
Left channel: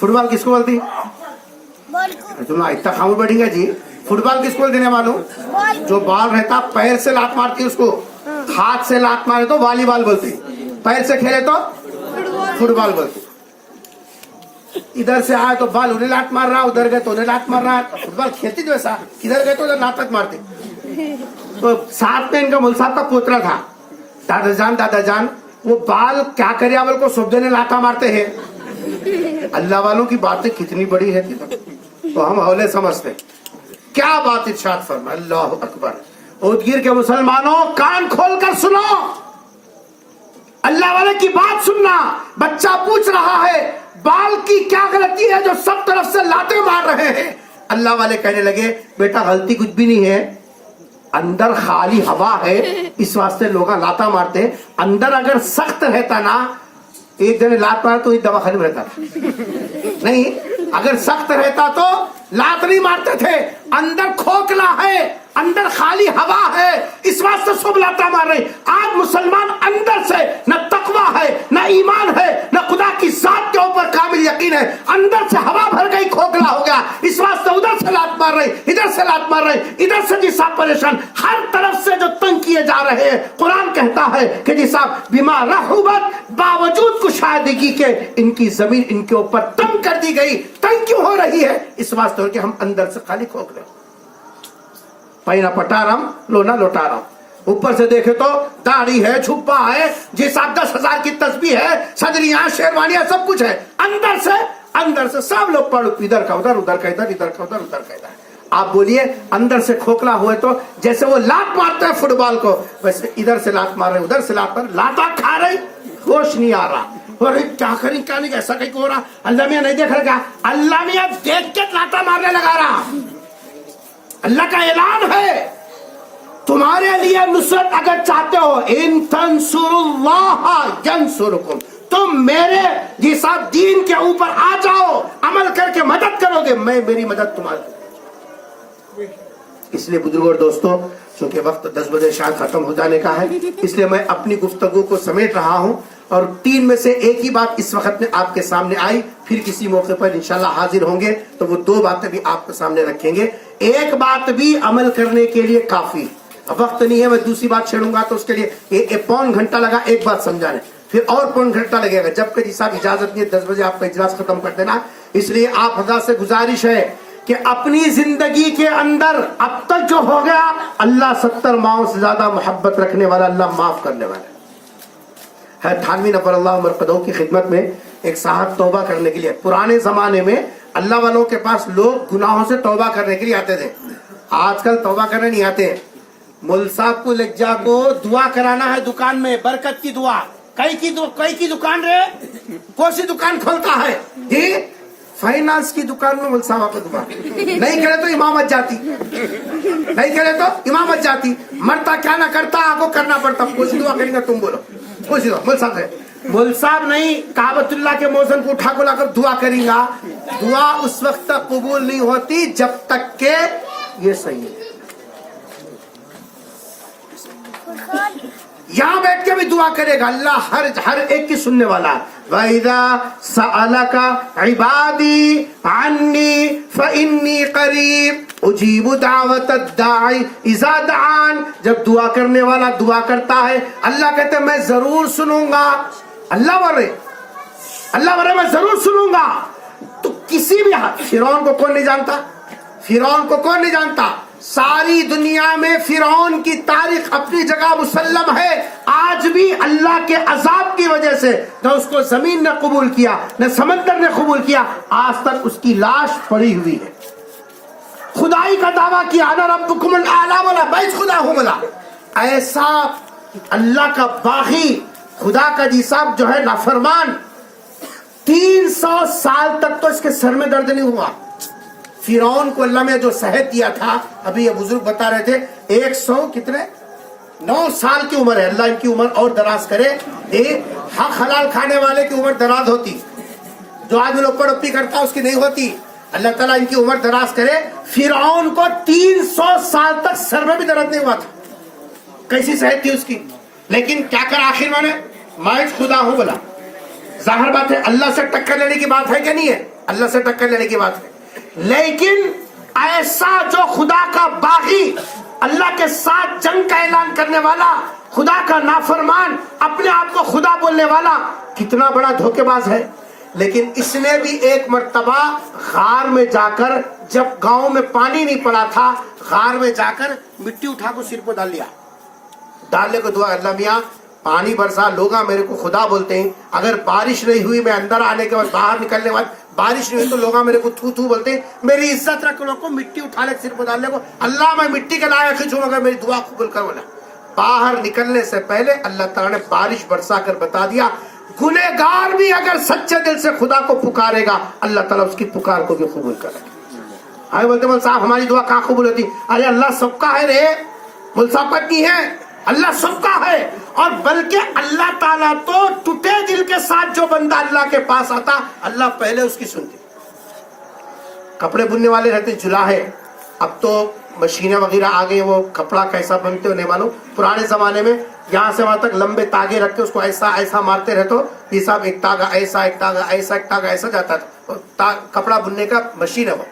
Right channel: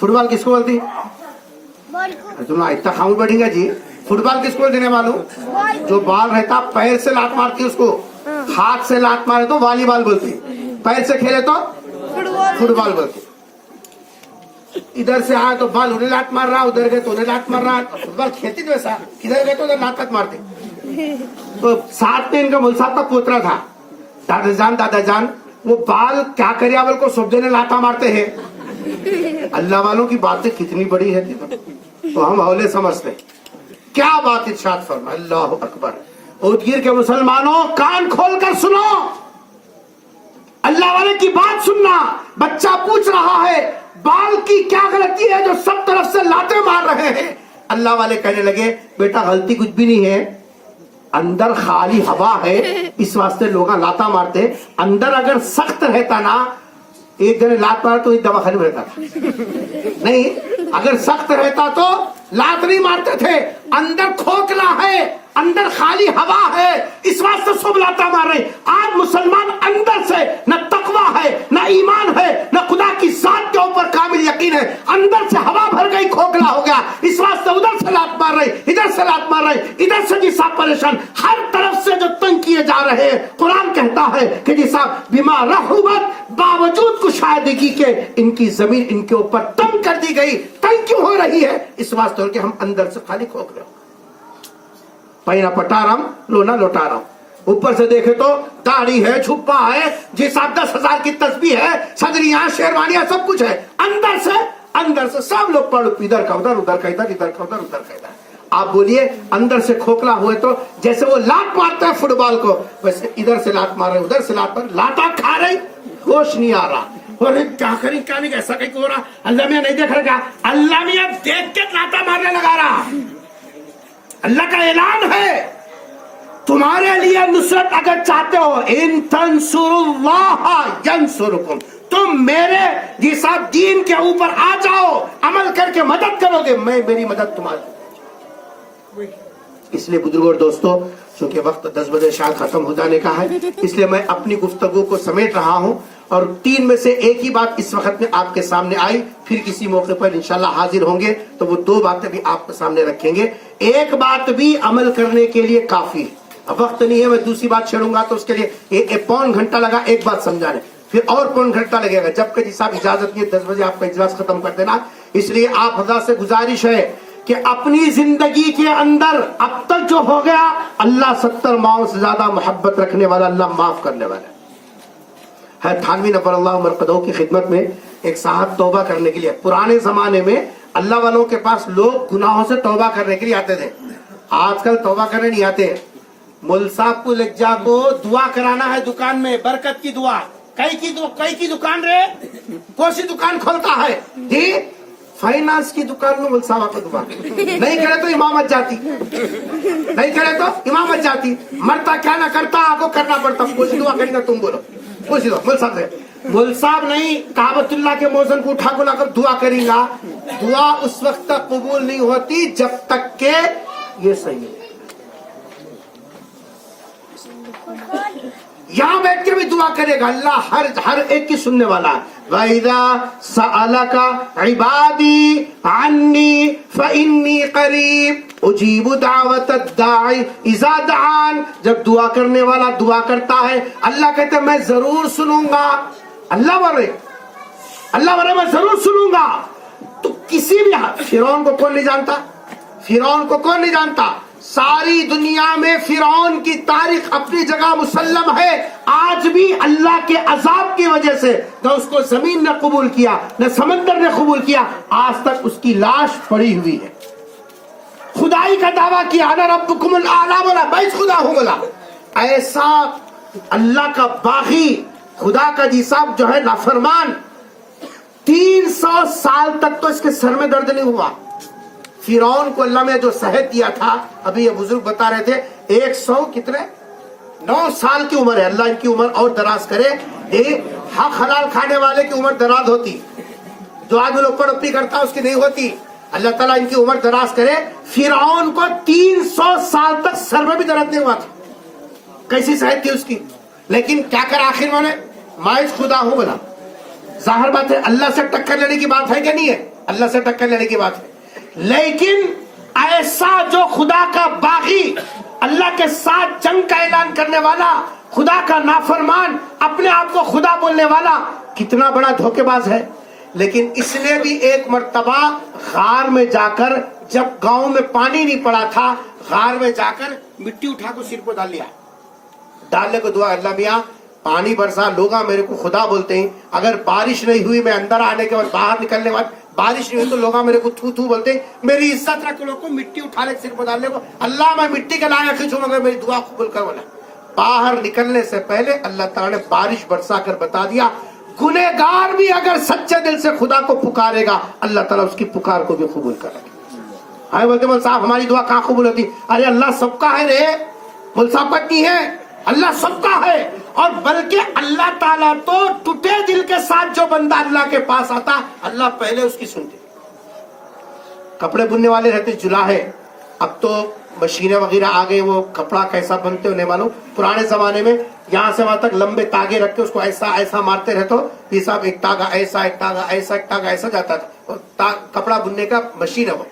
فٹ بال کس کو بولتی؟ تم اتنا خاموش بیٹھیں گے جی. فٹ بال کس کو دینے والوں؟ جو بال رہتا پیر سے لات مارتی اس کو, ہاتھ سے لات مارے تو والی بال بولتی, پیر سے کھیلے تو فٹ بال بولتی. ادھر سے آیا تو بال انہیں لات مار رہا, ادھر گئے تو انہیں لات مار رہا. فٹ بال کھیلتی جو ایسا, ادھر گئے تو ادھر لات مارتے. تو ساتھ میں ان کا مول صاحب کا پوترا تھا, دادا جان وہ بال کیا کرے بول کو سب دینے لاتا مارتے ہیں. اللہ والوں کی باتیں کتنی بڑی ہے تو ہم اولے سمجھتے. کیا بات ارشاد فرما, اللہ اکبر. اودگیر کے مسلمانوں کان کھول کر سنو, اللہ والے کی بات سننا. بچہ پوچھ رہا ہے بال کی کیا غلطی ہے جو سب طرف سے لاتے مار رہے ہیں. اللہ والے کہنے لگے بیٹا غلطی کچھ بھی نہیں ہے, اندر خالی ہوا ہے اس واسطے لوگ لاتا مارتے. اندر اگر سخت رہتا نا, ایک جنے لات مارا تو ایک دواخانے میں رہتا نہیں. اگر سخت رہتا تو لات نہیں مارتے تھے. اندر کھوکھلا ہے, اندر خالی ہوا ہے, اس واسطے سب لاتا مار رہے. آج مسلمان اندر سے نہ تقویٰ ہے, نہ ایمان ہے, نہ خدا کی ذات کے اوپر کامل یقین ہے. اندر سے ہوا بھر گئی, کھوکھلا ہو گیا, اس واسطے ادھر سے لات مار رہے, ادھر سے لات مار رہے, ادھر سے جی صاحب پریشان, ہر طرف سے جو تنگ کیے جا رہے ہیں. قرآن کہتا ہے کہ جی صاحب بما رحبت, باوجود کشادگی کے ان کی زمین ان کے اوپر تنگ کر دی گئی. تنگ کیوں ہو رہی ہے؟ اس واسطے کہ ہم اندر سے خالی کھوکھلے. پہنا پٹارم لونا لوٹارم. اوپر سے دیکھے تو داڑھی ہے, چھپا ہے, جی صاحب 10,000 کی تسبیح ہے, صدریاں, شیروانیاں, سب کچھ ہے. اندر سے سب لوگ پڑھ, ادھر کا ادھر, ادھر کا ادھر, ادھر کا ادھر, ادھر کا ادھر. آپ بولیے اندر سے کھوکھلا ہوئے تو جیسے وہ لات مارتا ہے فٹ بال کو, ویسے ادھر سے لات مار رہے, ادھر سے لات مار, لاتا کھا رہی, ہوش نہیں آ رہا. اور کیا کریں کیا نہیں, ایسا کہیں ہو رہا. اللہ میاں نہیں دیکھ رہا, اللہ میاں دیکھ کے لاتا مارنے لگا رہا. اللہ کا اعلان ہے تمہارے لیے نصرت اگر چاہتے ہو, ان تنصروا اللہ ینصرکم, تم میرے جی صاحب دین کے اوپر آ جاؤ, عمل کر کے مدد کرو گے, میں میری مدد تمہاری. اس لیے بزرگوں اور دوستوں, چونکہ وقت 10 بجے شاید ختم ہو جانے کا ہے, اس لیے میں اپنی گفتگو کو سمیٹ رہا ہوں. اور 3 میں سے ایک ہی بات اس وقت میں آپ کے سامنے آئی, پھر کسی موقع پر انشاءاللہ حاضر ہوں گے تو وہ 2 باتیں بھی آپ کے سامنے رکھیں گے. ایک بات بھی عمل کرنے کے لیے کافی, وقت نہیں ہے, میں دوسری بات چھیڑوں گا تو اس کے لیے پون گھنٹہ لگا ایک بات سمجھانے, پھر اور پون گھنٹہ لگے گا. جبکہ جی صاحب اجازت نہیں ہے 10 بجے آپ کا اجلاس ختم کر دینا. اس لیے آپ حضرات سے گزارش ہے کہ اپنی زندگی کے اندر اب تک جو ہو گیا, اللہ 70 ماؤں سے زیادہ محبت رکھنے والا, اللہ معاف کرنے والا ہے. تھانوی نبر اللہ مرقدہ کی خدمت میں ایک صاحب توبہ کرنے کے لیے, پرانے زمانے میں اللہ والوں کے پاس لوگ گناہوں سے توبہ کرنے کے لیے آتے تھے, آج کل توبہ کرنے نہیں آتے. مول صاحب کو لکھ جا کو دعا کرانا ہے دکان میں, برکت کی دعا. کئی کی دکان رہے, کون سی دکان کھولتا ہے جی, فائنانس کی دکان میں مول صاحب کا دکان. نہیں کرے تو امامت جاتی, نہیں کرے تو امامت جاتی, مرتا کیا نہ کرتا, آپ کو کرنا پڑتا. کچھ دعا کریں گے, تم بولو کچھ دعا. مول صاحب ہے, مول صاحب نہیں, کعبۃ اللہ کے موزن کو اٹھا کو لا کر دعا کریں گا. دعا اس وقت تک قبول نہیں ہوتی جب تک کہ یہ صحیح ہے. یہاں بیٹھ کے بھی دعا کرے گا, اللہ ہر ایک کی سننے والا. وَإِذَا سَأَلَكَ عِبَادِي عَنِّي فَإِنِّي قَرِيبٌ أُجِيبُ دَعْوَةَ الدَّاعِ إِذَا دَعَانِ. جب دعا کرنے والا دعا کرتا ہے, اللہ کہتے ہیں میں ضرور سنوں گا. اللہ ورے میں ضرور سنوں گا. تو کسی بھی فرعون کو کون نہیں جانتا, فرعون کو کون نہیں جانتا. ساری دنیا میں فرعون کی تاریخ اپنی جگہ مسلم ہے. آج بھی اللہ کے عذاب کی وجہ سے نہ اس کو زمین نے قبول کیا, نہ سمندر نے قبول کیا, آج تک اس کی لاش پڑی ہوئی ہے. خدائی کا دعویٰ کیا, انا ربکم الاعلی, بولا میں خدا ہوں. بولا ایسا اللہ کا باغی, خدا کا جی صاحب جو ہے نافرمان, 300 سال تک تو اس کے سر میں درد نہیں ہوا. فرعون کو اللہ میں جو صحت دیا تھا, ابھی یہ بزرگ بتا رہے تھے, 9 سال کی عمر ہے. اللہ ان کی عمر اور دراز کرے. ایک حق حلال کھانے والے کی عمر دراز ہوتی, جو آدمی لوگ پڑپی کرتا اس کی نہیں ہوتی. اللہ تعالیٰ ان کی عمر دراز کرے. فرعون کو 300 سال تک سر میں بھی درد نہیں ہوا تھا. کیسی صحت تھی اس کی, لیکن کیا کر آخر میں خدا ہوں. بولا ظاہر بات ہے اللہ سے ٹکر لینے کی بات ہے کہ نہیں ہے, اللہ سے ٹکر لینے کی بات ہے، لیکن ایسا جو خدا کا باغی، اللہ کے ساتھ جنگ کا اعلان کرنے والا، خدا کا نافرمان، اپنے آپ کو خدا بولنے والا کتنا بڑا دھوکے باز ہے۔ لیکن اس نے بھی ایک مرتبہ غار میں جا کر، جب گاؤں میں پانی نہیں پڑا تھا، غار میں جا کر مٹی اٹھا کو سر کو ڈال لیا، ڈالنے کو دعا، اللہ میاں پانی برسا، لوگ میرے کو خدا بولتے ہیں، اگر بارش نہیں ہوئی، میں اندر آنے کے بعد باہر نکلنے کے بعد بارش نہیں ہوئی تو لوگ میرے کو تھو تھو بولتے ہیں، میری عزت رکھ لوگ کو مٹی اٹھا لے سر کو ڈالنے کو، اللہ میں مٹی کے لائق ہوں مگر میری دعا قبول کر بولا۔ باہر نکلنے سے پہلے اللہ تعالیٰ نے بارش برسا کر بتا دیا، گنہگار بھی اگر سچے دل سے خدا کو پکارے گا، اللہ تعالیٰ اس کی پکار کو بھی قبول کرے گا۔ آئے بولتے مول صاحب ہماری دعا کہاں قبول ہوتی؟ ارے اللہ سب کا ہے رے، مول صاحب کا نہیں ہے، اللہ سب کا ہے۔ اور بلکہ اللہ تعالیٰ تو ٹوٹے دل کے ساتھ جو بندہ اللہ کے پاس آتا، اللہ پہلے اس کی سنتے۔ کپڑے بننے والے رہتے جلاہے، اب تو مشینیں وغیرہ آگے، وہ کپڑا کیسا بنتے ہونے والوں، پرانے زمانے میں یہاں سے وہاں تک لمبے تاگے رکھ کے اس کو ایسا ایسا مارتے رہتے، یہ صاحب ایک تاگا ایسا، ایک تاگا ایسا، ایک تاگا ایسا جاتا تھا، کپڑا بننے کا مشین ہے وہ۔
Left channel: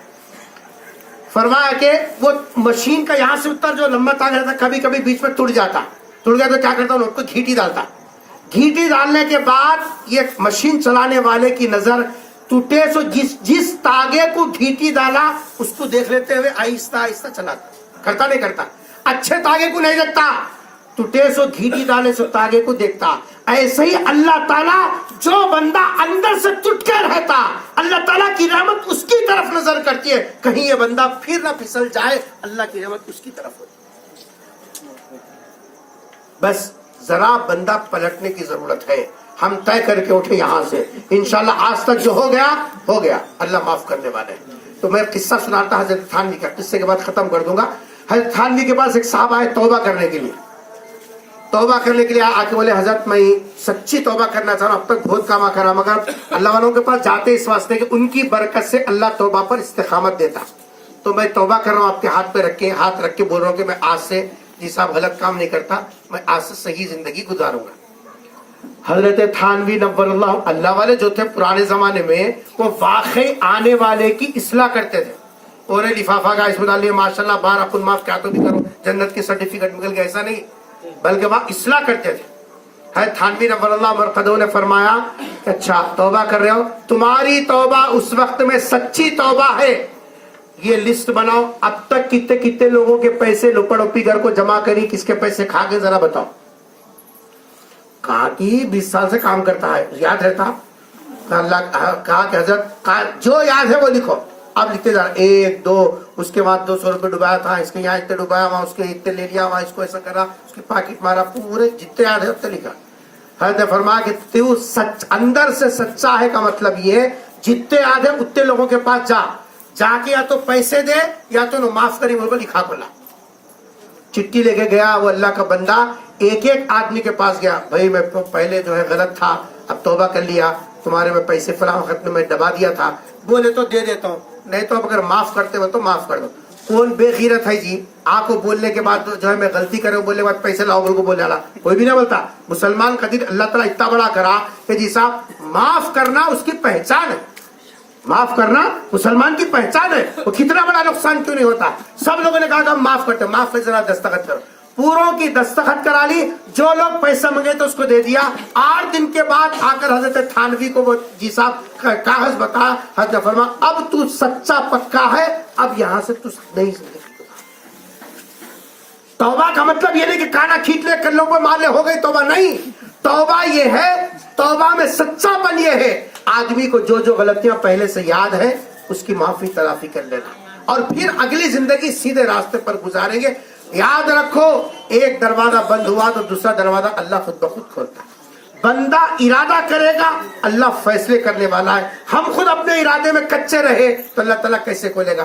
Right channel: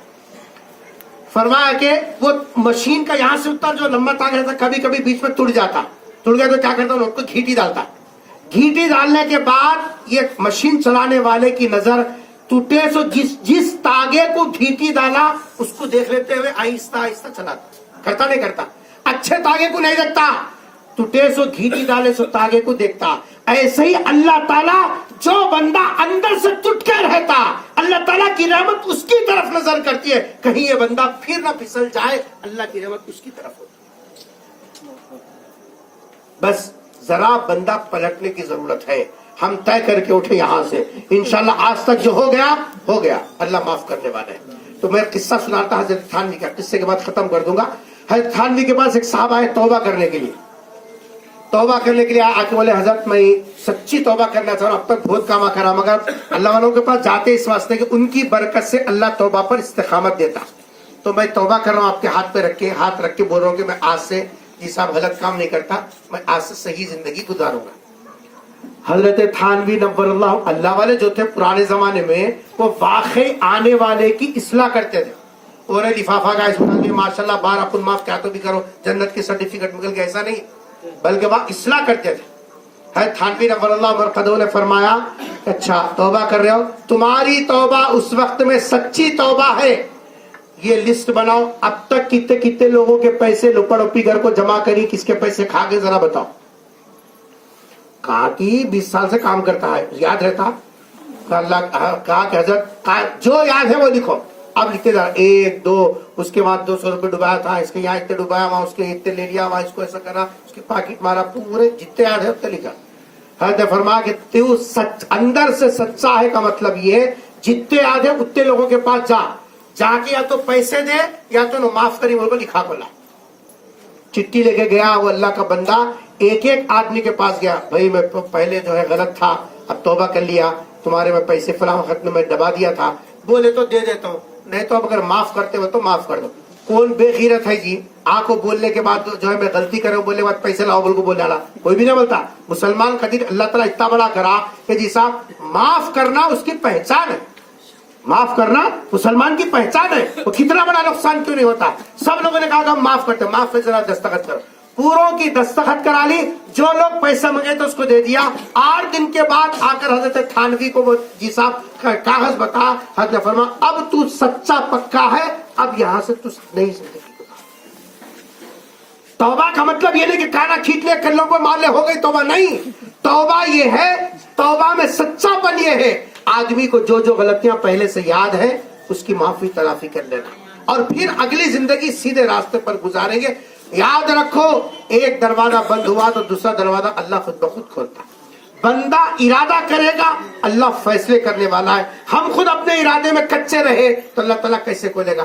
فرمایا کہ وہ مشین کا یہاں سے اتر جو لمبا تاگا رہتا کبھی کبھی بیچ میں ٹوٹ جاتا، ٹوٹ گیا تو کیا کرتا ہوں، اس کو گھیٹی ڈالتا، گھیٹی ڈالنے کے بعد یہ مشین چلانے والے کی نظر ٹوٹے سو جس تاگے کو گھیٹی ڈالا اس کو دیکھ لیتے ہوئے آہستہ آہستہ چلاتا، کرتا نہیں کرتا، اچھے تاگے کو نہیں دیکھتا، ٹوٹے سو گھیٹی ڈالے سو تاگے کو دیکھتا۔ ایسے ہی اللہ تعالیٰ جو بندہ اندر سے ٹوٹ کے رہتا، اللہ تعالیٰ کی رحمت اس کی طرف نظر کرتی ہے، کہیں یہ بندہ پھر نہ پھسل جائے، اللہ کی رحمت اس کی طرف ہوتی ہے۔ بس ذرا بندہ پلٹنے کی ضرورت ہے، ہم طے کر کے اٹھے یہاں سے، انشاءاللہ آج تک جو ہو گیا، اللہ معاف کرنے والے ہیں۔ تو میں قصہ سناتا حضرت تھانوی کا، قصے کے بعد ختم کر دوں گا۔ حضرت تھانوی کے پاس ایک صاحب آئے توبہ کرنے کے لیے، توبہ کرنے کے لیے آ کے بولے حضرت میں سچی توبہ کرنا چاہ رہا ہوں، اب تک بہت کام کرا مگر اللہ والوں کے پاس جاتے اس واسطے کہ ان کی برکت سے اللہ توبہ پر استقامت دیتا، تو میں توبہ کر رہا ہوں، آپ کے ہاتھ پہ ہاتھ رکھ کے بول رہا ہوں کہ میں آج سے جی صاحب غلط کام نہیں کرتا، میں آج سے صحیح زندگی گزاروں گا۔ حضرت تھانوی نور اللہ والے جو تھے پرانے زمانے میں، وہ واقعی آنے والے کی اصلاح کرتے تھے، اور لفافہ کا اس بنا لیا ماشاءاللہ بار اپن معاف کیا تو بھی کرو جنت کے سرٹیفکیٹ نکل گیا، ایسا نہیں، بلکہ وہ اصلاح کرتے تھے۔ حضرت تھانوی نور اللہ مرقدہ نے فرمایا اچھا توبہ کر رہے ہو، تمہاری توبہ اس وقت میں سچی توبہ ہے، یہ لسٹ بناؤ اب تک کتنے کتنے لوگوں کے پیسے لپڑ اپی گھر کو جمع کری، کس کے پیسے کھا کے ذرا بتاؤ۔ کہا کہ 20 سال سے کام کرتا ہے، یاد رہتا؟ کہا کہ حضرت جو یاد ہے وہ لکھو، اب لکھتے جا رہا، 1 2، اس کے بعد 200 روپے ڈبایا تھا، اس کے یہاں اتنے ڈبایا، وہاں اس کے اتنے لے لیا، وہاں اس کو ایسا کرا، اس کے پاکٹ مارا، پورے جتنے یاد ہے اتنے لکھا۔ حضرت نے فرمایا کہ تو سچ اندر سے سچا ہے کا مطلب یہ ہے جتنے یاد ہے اتنے لوگوں کے پاس جا کے یا تو پیسے دے یا تو معاف کری، وہ لکھا بولا۔ چٹھی لے کے گیا وہ اللہ کا بندہ، ایک ایک آدمی کے پاس گیا، بھائی میں پہلے جو ہے غلط تھا، اب توبہ کر لیا، تمہارے میں پیسے فلاں وقت میں دبا دیا تھا، بولے تو دے دیتا ہوں، نہیں تو اب اگر معاف کرتے ہو تو معاف کر دو۔ کون بے غیرت ہے جی آ کو بولنے کے بعد جو ہے میں غلطی کروں بولنے کے بعد پیسے لاؤ بول کو بولنے والا کوئی بھی نہ بولتا۔ مسلمان قدیر اللہ تعالیٰ اتنا بڑا کرا کہ جی صاحب معاف کرنا اس کی پہچان ہے، معاف کرنا مسلمان کی پہچان ہے، وہ کتنا بڑا نقصان کیوں نہیں ہوتا۔ سب لوگوں نے کہا کہ ہم معاف کرتے، معاف پہ ذرا دستخط کرو، پوروں کی دستخط کرا لی، جو لوگ پیسہ مانگے تو اس کو دے دیا۔ 8 دن کے بعد آ کر حضرت تھانوی کو وہ جی صاحب کاغذ بتا، حضرت نے فرمایا اب تو سچا پکا ہے، اب یہاں سے تو نہیں سکتے۔ توبہ کا مطلب یہ نہیں کہ کانا کھینچ لے کلوں پر مار لے ہو گئی توبہ، نہیں، توبہ یہ ہے، توبہ میں سچا پن یہ ہے آدمی کو جو جو غلطیاں پہلے سے یاد ہے اس کی معافی تلافی کر لینا، اور پھر اگلی زندگی سیدھے راستے پر گزاریں گے۔ یاد رکھو ایک دروازہ بند ہوا تو دوسرا دروازہ اللہ خود بخود کھولتا ہے۔ بندہ ارادہ کرے گا، اللہ فیصلے کرنے والا ہے۔ ہم خود اپنے ارادے میں کچے رہے تو اللہ تعالیٰ کیسے کھولے گا؟